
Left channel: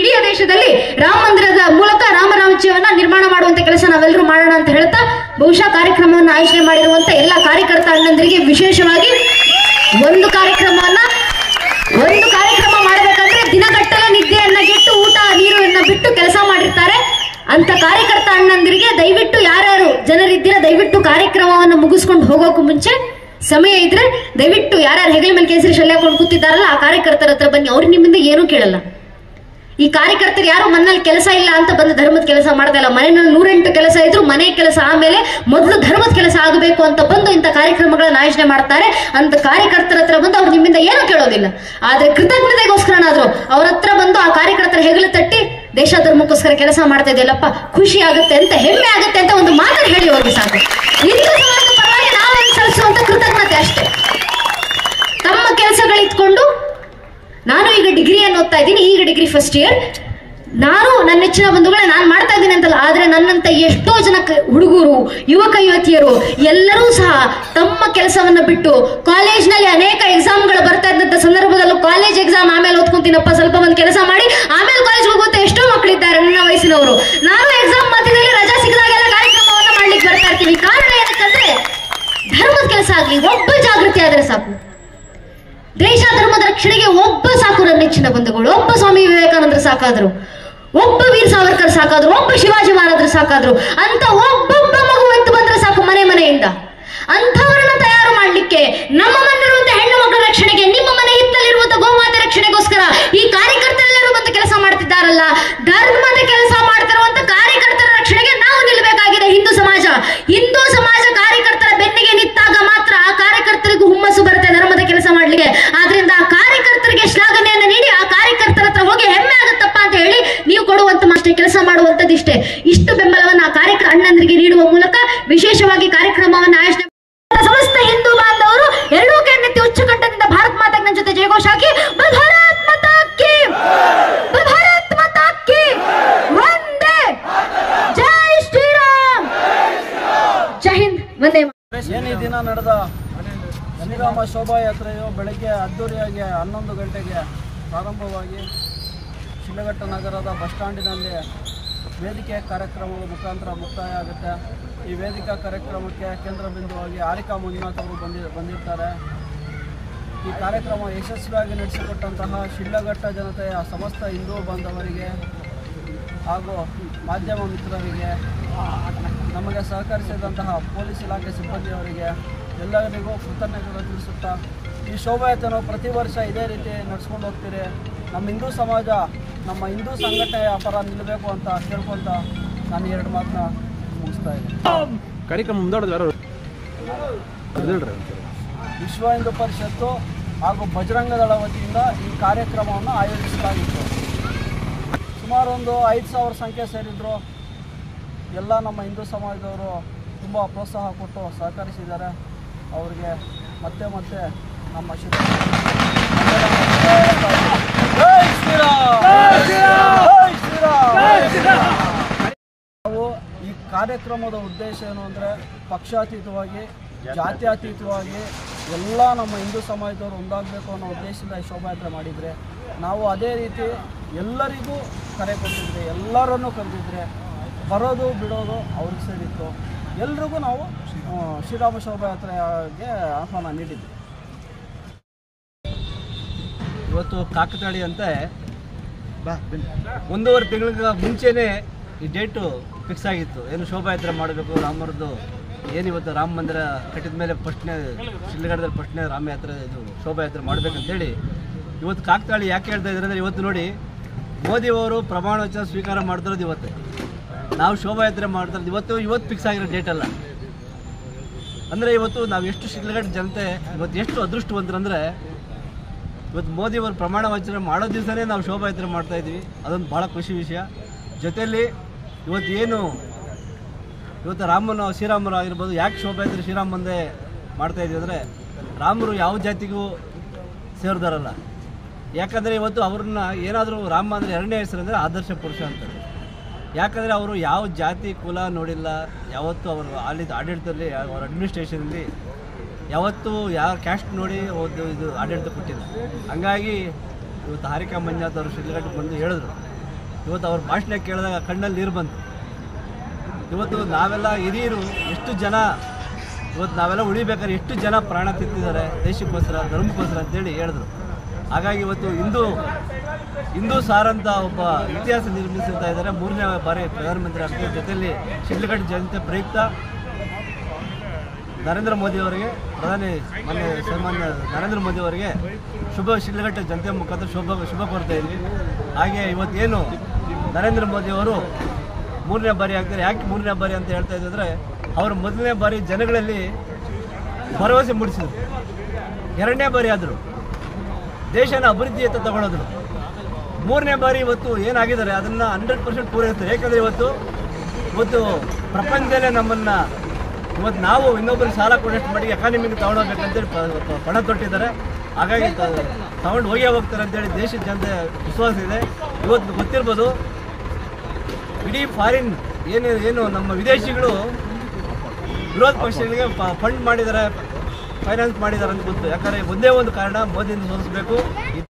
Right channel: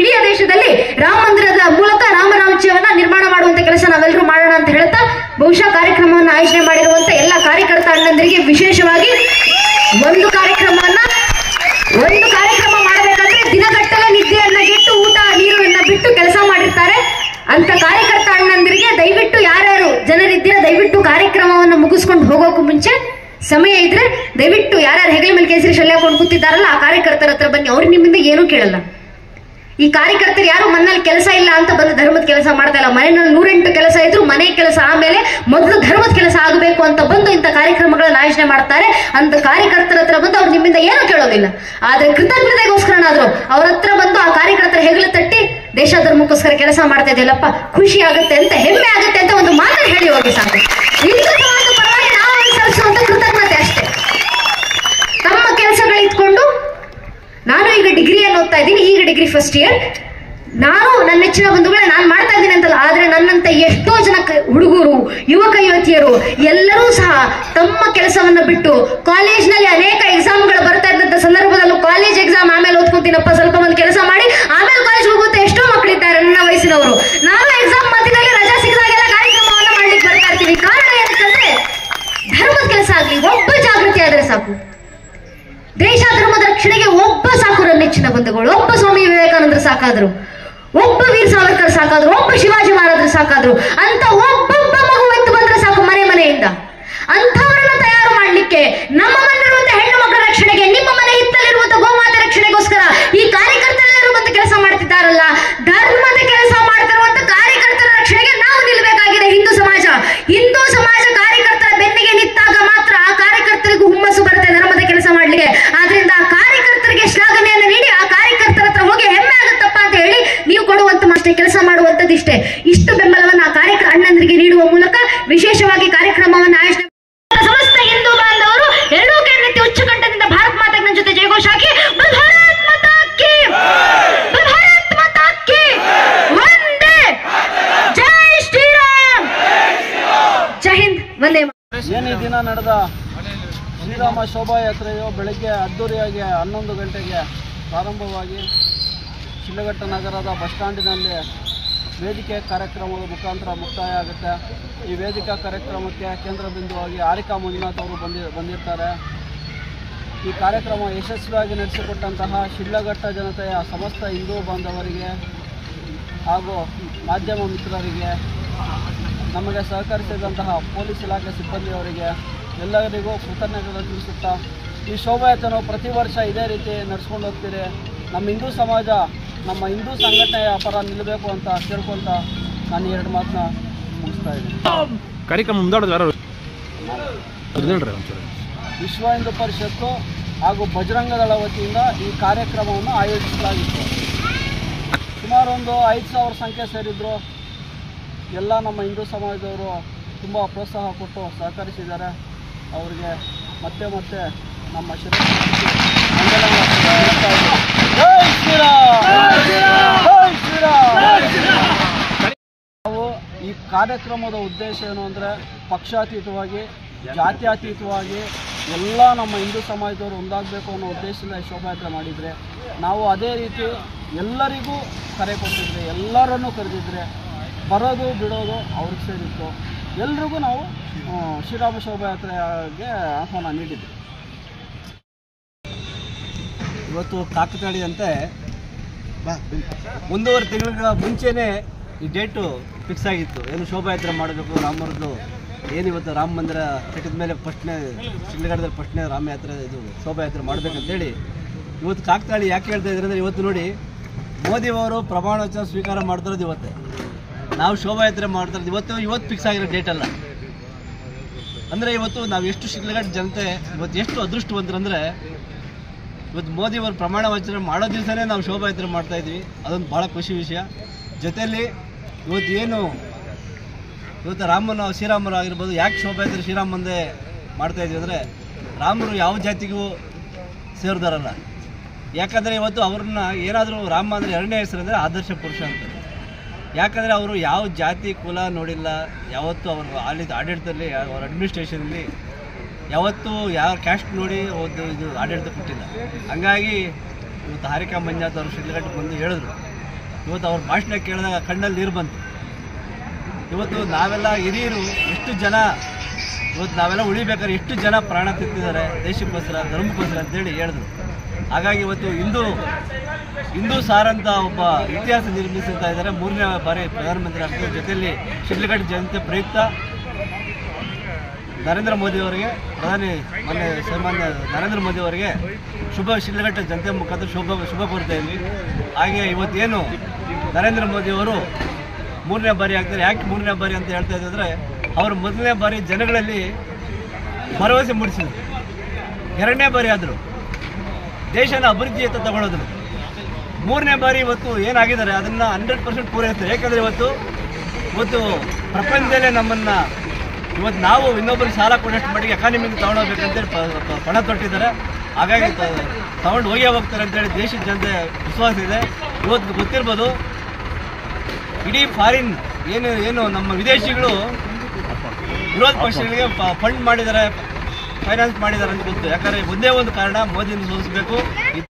ಇಡೀ ದೇಶದಲ್ಲಿ ರಾಮ ಮಂದಿರದ ಮೂಲಕ ರಾಮರಾಜ್ಯವನ್ನ ನಿರ್ಮಾಣ ಮಾಡುವಂತ ಕೆಲಸ ನಾವೆಲ್ಲರೂ ಮಾಡೋಣ ಅಂತ ಹೇಳ್ತಾ, ಬಹುಶಃ ಕಾರ್ಯಕ್ರಮವನ್ನು ಆಯೋಜನೆ ಮಾಡಿರುವಂತ ಎಲ್ಲ ಕಾರ್ಯಕರ್ತ ಅಣ್ಣಂದರಿಗೆ ವಿಶೇಷವಾಗಿ ಒಂದು ಕಾರ್ಯಕ್ರಮ ಮಾಡಬೇಕಂದ್ರೆ ದಿನಗಟ್ಟಲೆ ನಿದ್ದೆಯನ್ನ ಗೆಟ್ಟು ಊಟ ನೀರನ್ನ ಬಿಟ್ಟು ಕೆಲಸ ಮಾಡಿರ್ತಾರೆ. ಅಂತ ಕಾರ್ಯಕರ್ತ ಅಣ್ಣಂದಿರಿಗೆ ದಯವಿಟ್ಟು ಯಾರ್ಯಾರು ಜನರಿದ್ದೀರ ದಯವಿಟ್ಟು ಕಾರ್ಯಕ್ರಮವನ್ನು ಮುಗಿಸ್ಕೊಂಡು ಹೋಗೋಕು ಮುಂಚೆ ಸಮಯ ಇದ್ರೆ ದಯವಿಟ್ಟು ಯಾರ್ಯಾರು ಹೆಗಲ ಮೇಲೆ ಕೇಸರಿ ಶಲ್ಯ ಹಾಕೊಂಡು ಕೂತಿದ್ದಾರಲ್ಲ ಆ ಕಾರ್ಯಕರ್ತರ ಹತ್ರ ಬನ್ನಿ. ಅವ್ರು ನಿಮ್ಮಿಂದ ಏನೂ ಕೇಳಲ್ಲ. ಈ ಕಾರ್ಯಕರ್ತರು ಯಾರು ಮನೇಲಿ ಕೆಲಸ ಇಲ್ಲ ಅಂತ ಬಂದು ಧರ್ಮದ ಕೆಲಸ ಮಾಡ್ತಾ ಇಲ್ಲ. ಮನೆಯಲ್ಲಿ 108 ಕೆಲಸ ಇದ್ರು ಮನೆ ಕೆಲಸ ಆಮೇಲೆ ಮೊದಲು ಧರ್ಮದ ಕೆಲಸ ಆಗಬೇಕು ಅಂತ ಬಂದು ಇಂಥ ಕಾರ್ಯಕ್ರಮಗಳನ್ನ ಆಯೋಜನೆ ಮಾಡ್ತಾರೆ. ಅಂತ ಕಾರ್ಯಕರ್ತರ ಹತ್ರ ಬಂದು ಅವ್ರು ನಿಮ್ಮಿಂದ ಏನೂ ಕೇಳೋದಿಲ್ಲ. ಆದ್ರೆ ಕೃತಜ್ಞತೆಗೋಸ್ಕರನಾದ್ರು ಅವ್ರ ಹತ್ರ ಬಂದು ಆ ಕಾರ್ಯಕರ್ತರ ಹೆಗಲು ತಟ್ಟಿ ದೇಶ ಧರ್ಮಕ್ಕೋಸ್ಕರ ಕೆಲಸ ಮಾಡ್ತಾ ಇದೆಯಲ್ಲಪ್ಪ, ಖುಷಿ ಆಗುತ್ತೆ ಅಂತ, ಹೆಮ್ಮೆ ಆಗುತ್ತೆ ಅಂತ ಒಂದು ಮಾತನ್ನು ಹೇಳಿ ಹೋಗಿ ಸಾಕು. ಹಿಂದೂ ಸಮಾಜದ ಪರವಾಗಿ ನಾವು ಅನುಸರಿಸುವಂತ ಕೃತಜ್ಞತೆ ಅಷ್ಟೇ. ತಮ್ಮ ಕೆಲಸಗಳು ಇಟ್ಕೊಂಡು ನಾನು ಈಗ ಡಿಗ್ರಿಯನ್ನು ಓದ್ತಾ ಇದ್ದೀನಿ, ಈಗ ಡಿಗ್ರಿ ಫಸ್ಟ್ ಇಯರ್. ನಾನು ನನ್ನ ನೆಚ್ಚಿನ ಬಂಧುಗಳೇ ನಾನು ಮಾಡ್ತಾ ಇದ್ದೀನಿ ಅಂತಲ್ಲ, ಆದ್ರೆ ನನ್ನಂತ ಎಷ್ಟೋ ಜನ ಹುಡುಗರು, ಯುವಕ ಯುವತಿಯರು ಎಲ್ಲರೂ ಸಹ ತಮ್ಮ ಕೆಲಸವನ್ನ ಬಿಟ್ಟು ಕಾಲೇಜ್ನಲ್ಲಿ ಅನೇಕ ಎಕ್ಸಾಮ್ಗಳು ಬರ್ತಾ ಇದ್ದಂತ ಸಂದರ್ಭದಲ್ಲೂ ಕಾಲೇಜ್ ಎಕ್ಸಾಮ್ ಆಮೇಲೆ ಓದ್ಕೊಂತೀನಪ್ಪ ಸ್ವಲ್ಪ ಮಂದಿ ಕೆಲಸ ಮಾಡಿ ಆಮೇಲೆ ಕಾಲೇಜ್ ಹೋಗುತ್ತೆ ಎಷ್ಟೋ ಮಕ್ಕಳಿದ್ದಾರೆ ನನ್ನ ವಯಸ್ಸಿನವರು. ನಾವು ಎಕ್ಸಾಮ್ ಮಧ್ಯದಲ್ಲಿ ರಜಾ ಸಿಗದಾಗೆಲ್ಲ ಕಾರ್ಯಕ್ರಮವನ್ನ ಮಾಡ್ಲಿಕ್ಕೆ ಬರ್ತಾ ಇರ್ತೀವಿ. ಕಾರಣ ಏನಕ್ಕಂದ್ರೆ ಧರ್ಮದ ಕೆಲಸ ಆಗ್ಲಿ, ಒಬ್ಬ ಜಾಗೃತಿ ಆದ್ರೆ ಸಾಕು. ದೇಶ ಧರ್ಮದ ರಕ್ಷಣೆಗೆ ಒಬ್ಬ ಸಾಕು. ನನ್ನ ನೆಚ್ಚಿನ ಬಂಧುಗಳು, ಒಬ್ಬ ಸ್ವಾಮಿ ವಿವೇಕಾನಂದರು ಸಾಕಾದ್ರು, ಒಬ್ಬ ವೀರ್ ಸಾವರ್ಕರ್ ಸಾಕಾದ್ರು, ಒಬ್ಬ ಶಿವಾಜಿ ಮಹಾರಾಜರು ಸಾಕಾದ್ರು, ಅಂತ ಒಬ್ಬೊಬ್ಬ ಮಗು ಎತ್ತು ಬಂದ್ರೆ ಸಾಕು ಮನೆಯಿಂದ. ಅಂಥವರನ್ನ ತಯಾರು ಮಾಡ್ಲಿಕ್ಕೆ ನಮ್ಮ ಮನೆಯಿರುವಂತಹ ಹೆಣ್ಣು ಮಕ್ಕಳ ರಕ್ಷಣೆಗೆ, ನಿಮ್ಮ ಮನೆ ಹಿತ್ತಲಿರುವಂತಹ ಗೋಮಾತೆ ರಕ್ಷಣೆಗೋಸ್ಕರ ಈ ಕಾರ್ಯಕರ್ತರೆಲ್ಲರೂ ಬಂದು ಕೆಲಸ ಮಾಡ್ತಿದ್ದಾರಲ್ಲ, ಧರ್ಮದ ಕೆಲಸ ಮಾಡ್ತಿರುವಂತ ಕಾರ್ಯಕರ್ತರ ರಕ್ಷಣೆಗೆ ನಾವು ನಿಲ್ಲಬೇಕಾಗಿದೆ. ಹಿಂದೂ ಸಮಾಜ ಕಾರ್ಯಕರ್ತರ ಬೆನ್ನಿಗೆ ನಿಂತಾಗ ಮಾತ್ರ ಆ ಕಾರ್ಯಕರ್ತರಿಗೂ ಹುಮ್ಮಸ್ಸು ಬರುತ್ತೆ ಧರ್ಮದ ಕೆಲಸ ಮಾಡ್ಲಿಕ್ಕೆ. ಆದ್ರಿಂದ ಆ ಕಾರ್ಯಕರ್ತರಿಗೆ ಶ್ಲಾಘನೆಯನ್ನು ನೀಡಿ ಆ ಕಾರ್ಯಕರ್ತರ ಹತ್ರ ಹೋಗಿ ಹೆಮ್ಮೆ ಆಗುತ್ತಪ್ಪ ಅಂತ ಹೇಳಿ ನೀವು ಕೊಡುವಂತ ಅಷ್ಟೇ ಕೆಲಸ ಮಾಡುವಂತದಿಷ್ಟೇ. ಇಷ್ಟು ಬೆಂಬಲವನ್ನು ಆ ಅಣ್ಣಂದರಿಗೆ ನೀಡುವ ಮೂಲಕ ವಿಶೇಷವಾಗಿ ಕಾರ್ಯಕ್ರಮವನ್ನು ಆಯೋಜನೆ ಸಮಸ್ತ ಹಿಂದೂ ಬಾಂಧವರು ಎರಡೂ ಕೈಯನ್ನೆತ್ತಿ ಉಚ್ಚ ಕಂಠದಿಂದ ಭಾರತ್ ಮಾತಾಗೆ ನನ್ನ ಜೊತೆ ಜಯಘೋಷ ಹಾಕಿ ಭಾರತ್ ಮಾತಾ ಕಿ, ಭಾರತ್ ಮಾತಾ ಕಿ, ವಂದೇ ಜೈ ಶ್ರೀರಾಮ್, ಜೈ ಹಿಂದ್, ವಂದೇ. ಏನು ಈ ದಿನ ನಡೆದ ಶ್ರೀರಾಮ ಶೋಭಾಯಾತ್ರೆಯು ಬೆಳಗ್ಗೆ ಅದ್ದೂರಿಯಾಗಿ 11 ಗಂಟೆಗೆ ಪ್ರಾರಂಭವಾಗಿ ಶಿಡ್ಲಘಟ್ಟ ನಗರದ ಬಸ್ ಸ್ಟ್ಯಾಂಡಿನಲ್ಲಿ ವೇದಿಕೆ ಕಾರ್ಯಕ್ರಮದ ಮುಖಾಂತರ ಮುಕ್ತಾಯ ಆಗುತ್ತೆ. ಈ ವೇದಿಕಾ ಕಾರ್ಯಕ್ರಮಕ್ಕೆ ಕೇಂದ್ರ ಬಿಂದುವಾಗಿ ಹಾರಿಕಾ ಮಂಜುನಾಥ್ ಅವರು ಬಂದಿರ್ತಾರೆ. ಈ ಕಾರ್ಯಕ್ರಮ ಯಶಸ್ವಿಯಾಗಿ ನಡೆಸಿಕೊಟ್ಟಂತಹ ಶಿಡ್ಲಘಟ್ಟ ಜನತೆಯ ಸಮಸ್ತ ಹಿಂದೂ ಬಾಂಧವರಿಗೆ ಹಾಗೂ ಮಾಧ್ಯಮ ಮಿತ್ರರಿಗೆ, ನಮಗೆ ಸಹಕರಿಸಿದಂತಹ ಪೊಲೀಸ್ ಇಲಾಖೆ ಸಿಬ್ಬಂದಿಯವರಿಗೆ ಎಲ್ಲರಿಗೂ ಕೃತಜ್ಞತೆಗಳನ್ನು ತಿಳಿಸುತ್ತಾ, ಈ ಶೋಭಾಯಾತ್ರೆಯನ್ನು ಪ್ರತಿ ವರ್ಷ ಇದೇ ರೀತಿ ನಡೆಸ್ಕೊಂಡು ಹೋಗ್ತೀರಿ. ನಮ್ಮ ಹಿಂದೂ ಸಮಾಜ, ನಮ್ಮ ಹಿಂದೂ ಸಂಘಟನೆಯ ಪರ ನಿಲ್ಲಬೇಕು ಅಂತ ಕೇಳ್ಕೊಂತ ನಾನು 2 ಮಾತನ್ನ ಮುಗಿಸ್ತಾ ಇದ್ದೀನಿ. ಕಾರ್ಯಕ್ರಮ ವಿಶ್ವ ಹಿಂದೂ ಪರಿಷತ್ತು ಹಾಗೂ ಬಜರಂಗದಳ ವತಿಯಿಂದ ಈ ಕಾರ್ಯಕ್ರಮವನ್ನು ಆಯೋಜಿಸಲಾಗಿತ್ತು. ಸುಮಾರು ಒಂದು 5,000 ಸಂಖ್ಯೆ ಸೇರಿದ್ರು. ಎಲ್ಲ ನಮ್ಮ ಹಿಂದೂ ಸಮಾಜದವರು ತುಂಬ ಪ್ರೋತ್ಸಾಹ ಕೊಟ್ಟು ಸಹಕರಿಸಿದ್ದಾರೆ. ಅವರಿಗೆ ಮತ್ತೆ ನಮ್ಮ ನಾವು ಈ ಕಾರ್ಯಕ್ರಮದ ಉದ್ದೇಶ ಏನು ಅಂದರೆ, ಪಕ್ಷಾತೀತವಾಗಿ ಜಾತ್ಯತೀತವಾಗಿ ಎಲ್ಲ ನಮ್ಮ ಹಿಂದೂ ಸಮಾಜದವರು ಒಂದಾಗಬೇಕು ಅನ್ನೋ ಉದ್ದೇಶದಿಂದ ಈ ಶೋಭಾಯಾತ್ರೆ ಮಾಡಿದರೆ, ನಾವು ಅದೇ ರೀತಿ ಎಲ್ಲರಿಗೂ ಕರೆ ಕೊಟ್ಟಿದ್ರೆ, ಎಲ್ಲರನ್ನೂ ಕರೆದಿದ್ರೆ ಬರೋದು ಬಿಡೋದು ಅವ್ರಿಗೆ ಸೇರಿತ್ತು. ಎಲ್ರಿಗೂ ನಾವು ಶ್ರೀರಾಮ ಶೋಭಾಯಾತ್ರೆಗೆ ಆಹ್ವಾನ ನೀಡಿದ್ವಿ. ಇವತ್ತು ಕಾಕತಾಳಿ ಅಂತೆ 1.5 ತಿಂಗಳ ಮುಂಚೆನೇ ಈ ಡೇಟು ಫಿಕ್ಸ್ ಆಗಿತ್ತು. ಏನು ಶೋಭಾಯಾತ್ರೆ ಮಾಡಬೇಕು ರಾಮರದ್ದು, ಏನಿವತ್ತು ರಾಮ ಮಂದಿರ ಕಟ್ಟಿದ ಮೇಲೆ ಫಸ್ಟ್ನೇ ಶಿಡ್ಲಘಟ್ಟದಲ್ಲಿ ಫಸ್ಟ್ನೇ ರಾಮಯಾತ್ರೆ ಇದು ಶೋಭಾಯಾತ್ರೆ ಮಾಡಬೇಕಂತೇಳಿ ಇವತ್ತು ಕಾಕತಾಳಿ ಯಾಕೆ ಹೇಳ್ತಾ ಇದ್ದಾರೆ ಅಂದರೆ, ಇವತ್ತು ನೋಡಿ ಮೋದಿಯವರು ಪ್ರಮಾಣ ವಚನ ಸ್ವೀಕಾರ ಮಾಡ್ತಿರೋದು ಇವತ್ತೇ, ನಾವು ಶೋಭಾಯಾತ್ರೆ ಮಾಡ್ತಿರೋದು ಇವತ್ತು ಫಿಕ್ಸ್ ಆಗಿರೋ ಡೇಟಲ್ಲ. ಅಂದರೆ ಇವತ್ತು ನಾವು ಎಷ್ಟು ಶಿಡ್ಲಘಟ್ಟ ಜನತೆ ಇವತ್ತು ಎಷ್ಟು ಅದೃಷ್ಟವಂತರಂದರೆ, ಇವತ್ತು ಮೋದಿಯವರು ಪ್ರಮಾಣ ವಚನ ಮಾಡೋ ದಿವಸನೇ ನಾವು ಶೋಭಾಯಾತ್ರೆ ಮಾಡ್ತಾಯಿದ್ವಿ. ಅದೊಂದು ಭಾಳ ಖುಷಿ ವಿಷಯ. ಜೊತೆಯಲ್ಲಿ ಇವತ್ತು ಶ್ರೀರಾಮರು ಆಗಿರ್ಬೋದು, ಯಾಕೆ ಶೋಭಾಯಾತ್ರೆ ಶ್ರೀರಾಮ ಮುಂದೆ ಮಾಡ್ತಾಯಿದ್ವಿ ಅಂದರೆ, ರಾಮರು ಯಾವ ಜಾತಿಗೂ ಸೇರಿದಾರಲ್ಲ. ಯಾಕಂದರೆ ಇವತ್ತು ಅವ್ರನ್ನ ಏನಾದರೂ ರಾಮ ಅಂದರೆ ಎರಡನೇ ಹೆಸರು ಅಂದರೆ ಆದರ್ಶ ಪುರುಷ ಅಂತಾರೆ. ಯಾಕಂದರೆ ಅವರು ಯಾವ ಜಾತಿ ಕುಲ ನೋಡಿಲ್ಲ, ಯಾವತ್ತೂ ಅವರು ಆಡಳಿತದಲ್ಲಿ ಅವ್ರ ಅಡ್ಮಿನಿಸ್ಟ್ರೇಷನಲ್ಲಿ ಯಾವತ್ತೂ ಯಾವ ಕ್ಯಾಸ್ಟ್ ನೋಡಿ ಇದು ಆಡಳಿತ ಕೊಟ್ಟಿಲ್ಲ. ಹಂಗಾಗಿ ಇವತ್ತು ಹಾರಿಕಾ ಮಂಜಾತ್ ಅವರು ಶಿಡ್ಲಘಟ್ಟಕ್ಕೆ ಬಂದು ಹೇಳಿದ್ರು. ಇವತ್ತು ಅವ್ರ ಭಾಷಣ ಕೇಳಿದಾಗ ಕಣ್ಣಲ್ಲಿ ನೀರು ಬಂತು. ಇವತ್ತು ನಾವೆಲ್ಲ ಹಿರಿಯರು ಎಷ್ಟು ಜನ ಇವತ್ತು ನಾವೆಲ್ಲ ಉಳಿಬೇಕಾದ್ರೆ ಎಷ್ಟು ಜನ ಪ್ರಾಣ ತೆತ್ತಿದ್ದಾರೆ ದೇಶಕ್ಕೋಸ್ಕರ, ಧರ್ಮಕ್ಕೋಸ್ಕರ ಅಂತೇಳಿ ಹೇಳಿದ್ರು. ಹಾಗಾಗಿ ಇವತ್ತು ಹಿಂದೂ ಸಾರಂತ ಒಬ್ಬ ಇತಿಹಾಸ ನಿರ್ಮಿಸ್ತಾ ಇದ್ದಾರೆ. 3ನೇ ಬಾರಿ ಪ್ರಧಾನಮಂತ್ರಿ ಆಗ್ತಾರೆ. ಜೊತೆಯಲ್ಲಿ ಶಿಡ್ಲಘಟ್ಟ ಜಯಂತಿ ಪ್ರಯುಕ್ತ ನರೇಂದ್ರ ಮೋದಿಯವರಿಗೆ, ಸನ್ಮಾನ್ಯ ನರೇಂದ್ರ ಮೋದಿಯವರಿಗೆ ಶಿಡ್ಲಘಟ್ಟ ಜನತೆ ಮುಖಾಂತರ ಶುಭ ಕೋರ್ತಾ ಇದ್ವಿ. ಹಾಗೆ ಇವತ್ತೇನು ನರೇಂದ್ರ ಮೋದಿಯವರು 3ನೇ ಬಾರಿ ಆಗ್ತಾರೆ. ಯಾಕೆ 3ನೇ ಬಾರಿ ಅಂತ ಹೇಳ್ತಾ ಇದ್ದರೆ, ಅವರು ಮೊದಲನೇ ಬಾರಿ ಜನಗಳಲ್ಲಿ ಭರವಸೆ ಮೂಡಿಸಿದ್ರು. 2ನೇ ಬಾರಿ ಆದರು, ದೇಶನ ಅಭಿವೃದ್ಧಿಯತ್ತ ತಗೊಳ್ಳೋದ್ರು. 3ನೇ ಬಾರಿ ಇವತ್ತು ಏನಾಗಿದ್ದಾರೆ ಅದನ್ನು 100% ಪೂರೈಸ್ತಾರೆ. ಯಾಕಂದರೆ ಇವತ್ತು ಪ್ರಪಂಚದಲ್ಲೇ ನಮ್ಮನ್ನು ಇವತ್ತು ನಾವು ಇನ್ನೊಬ್ಬರಿಗೆ ಸಾಲ ಕೊಡೋಷ್ಟು ಮಟ್ಟಿಗೆ ಎಕಾನಮಿಗೆ ತಗೊಂಡೋಗ್ಬೇಕಂತೇಳಿ ಪಣ ತೊಟ್ಟಿದ್ದಾರೆ. ಹಾಗಾಗಿ ತಗೊಂಡು ಹೋಗ್ತಾರೆ ಅಂತೇಳಿ ದೇಶದ ಜನತೆ ವಿಶ್ವಾಸ ಇದೆ. ಇವತ್ತು ಗೊತ್ತಿರ್ಬೋದು, ಇಡೀ ಫಾರಿನ್ ಏನು ನಮ್ಮ ವಿದೇಶಿಗಳು ವಿರೋಧ ಪಕ್ಷಗಳಿಗೆ ಫಂಡ್ ಮಾಡಿದ್ದಾರೆ, ಫೈನಾನ್ಸ್ ಮಾಡಿದ್ದಾರೆ ಅಂತ ಗೊತ್ತು. ಯಾಕಂದರೆ ಒಂದೇ ಒಂದು ಕಾರಣ, ಮೋದಿಯನ್ನು ಸೋಲಿಸಬೇಕು.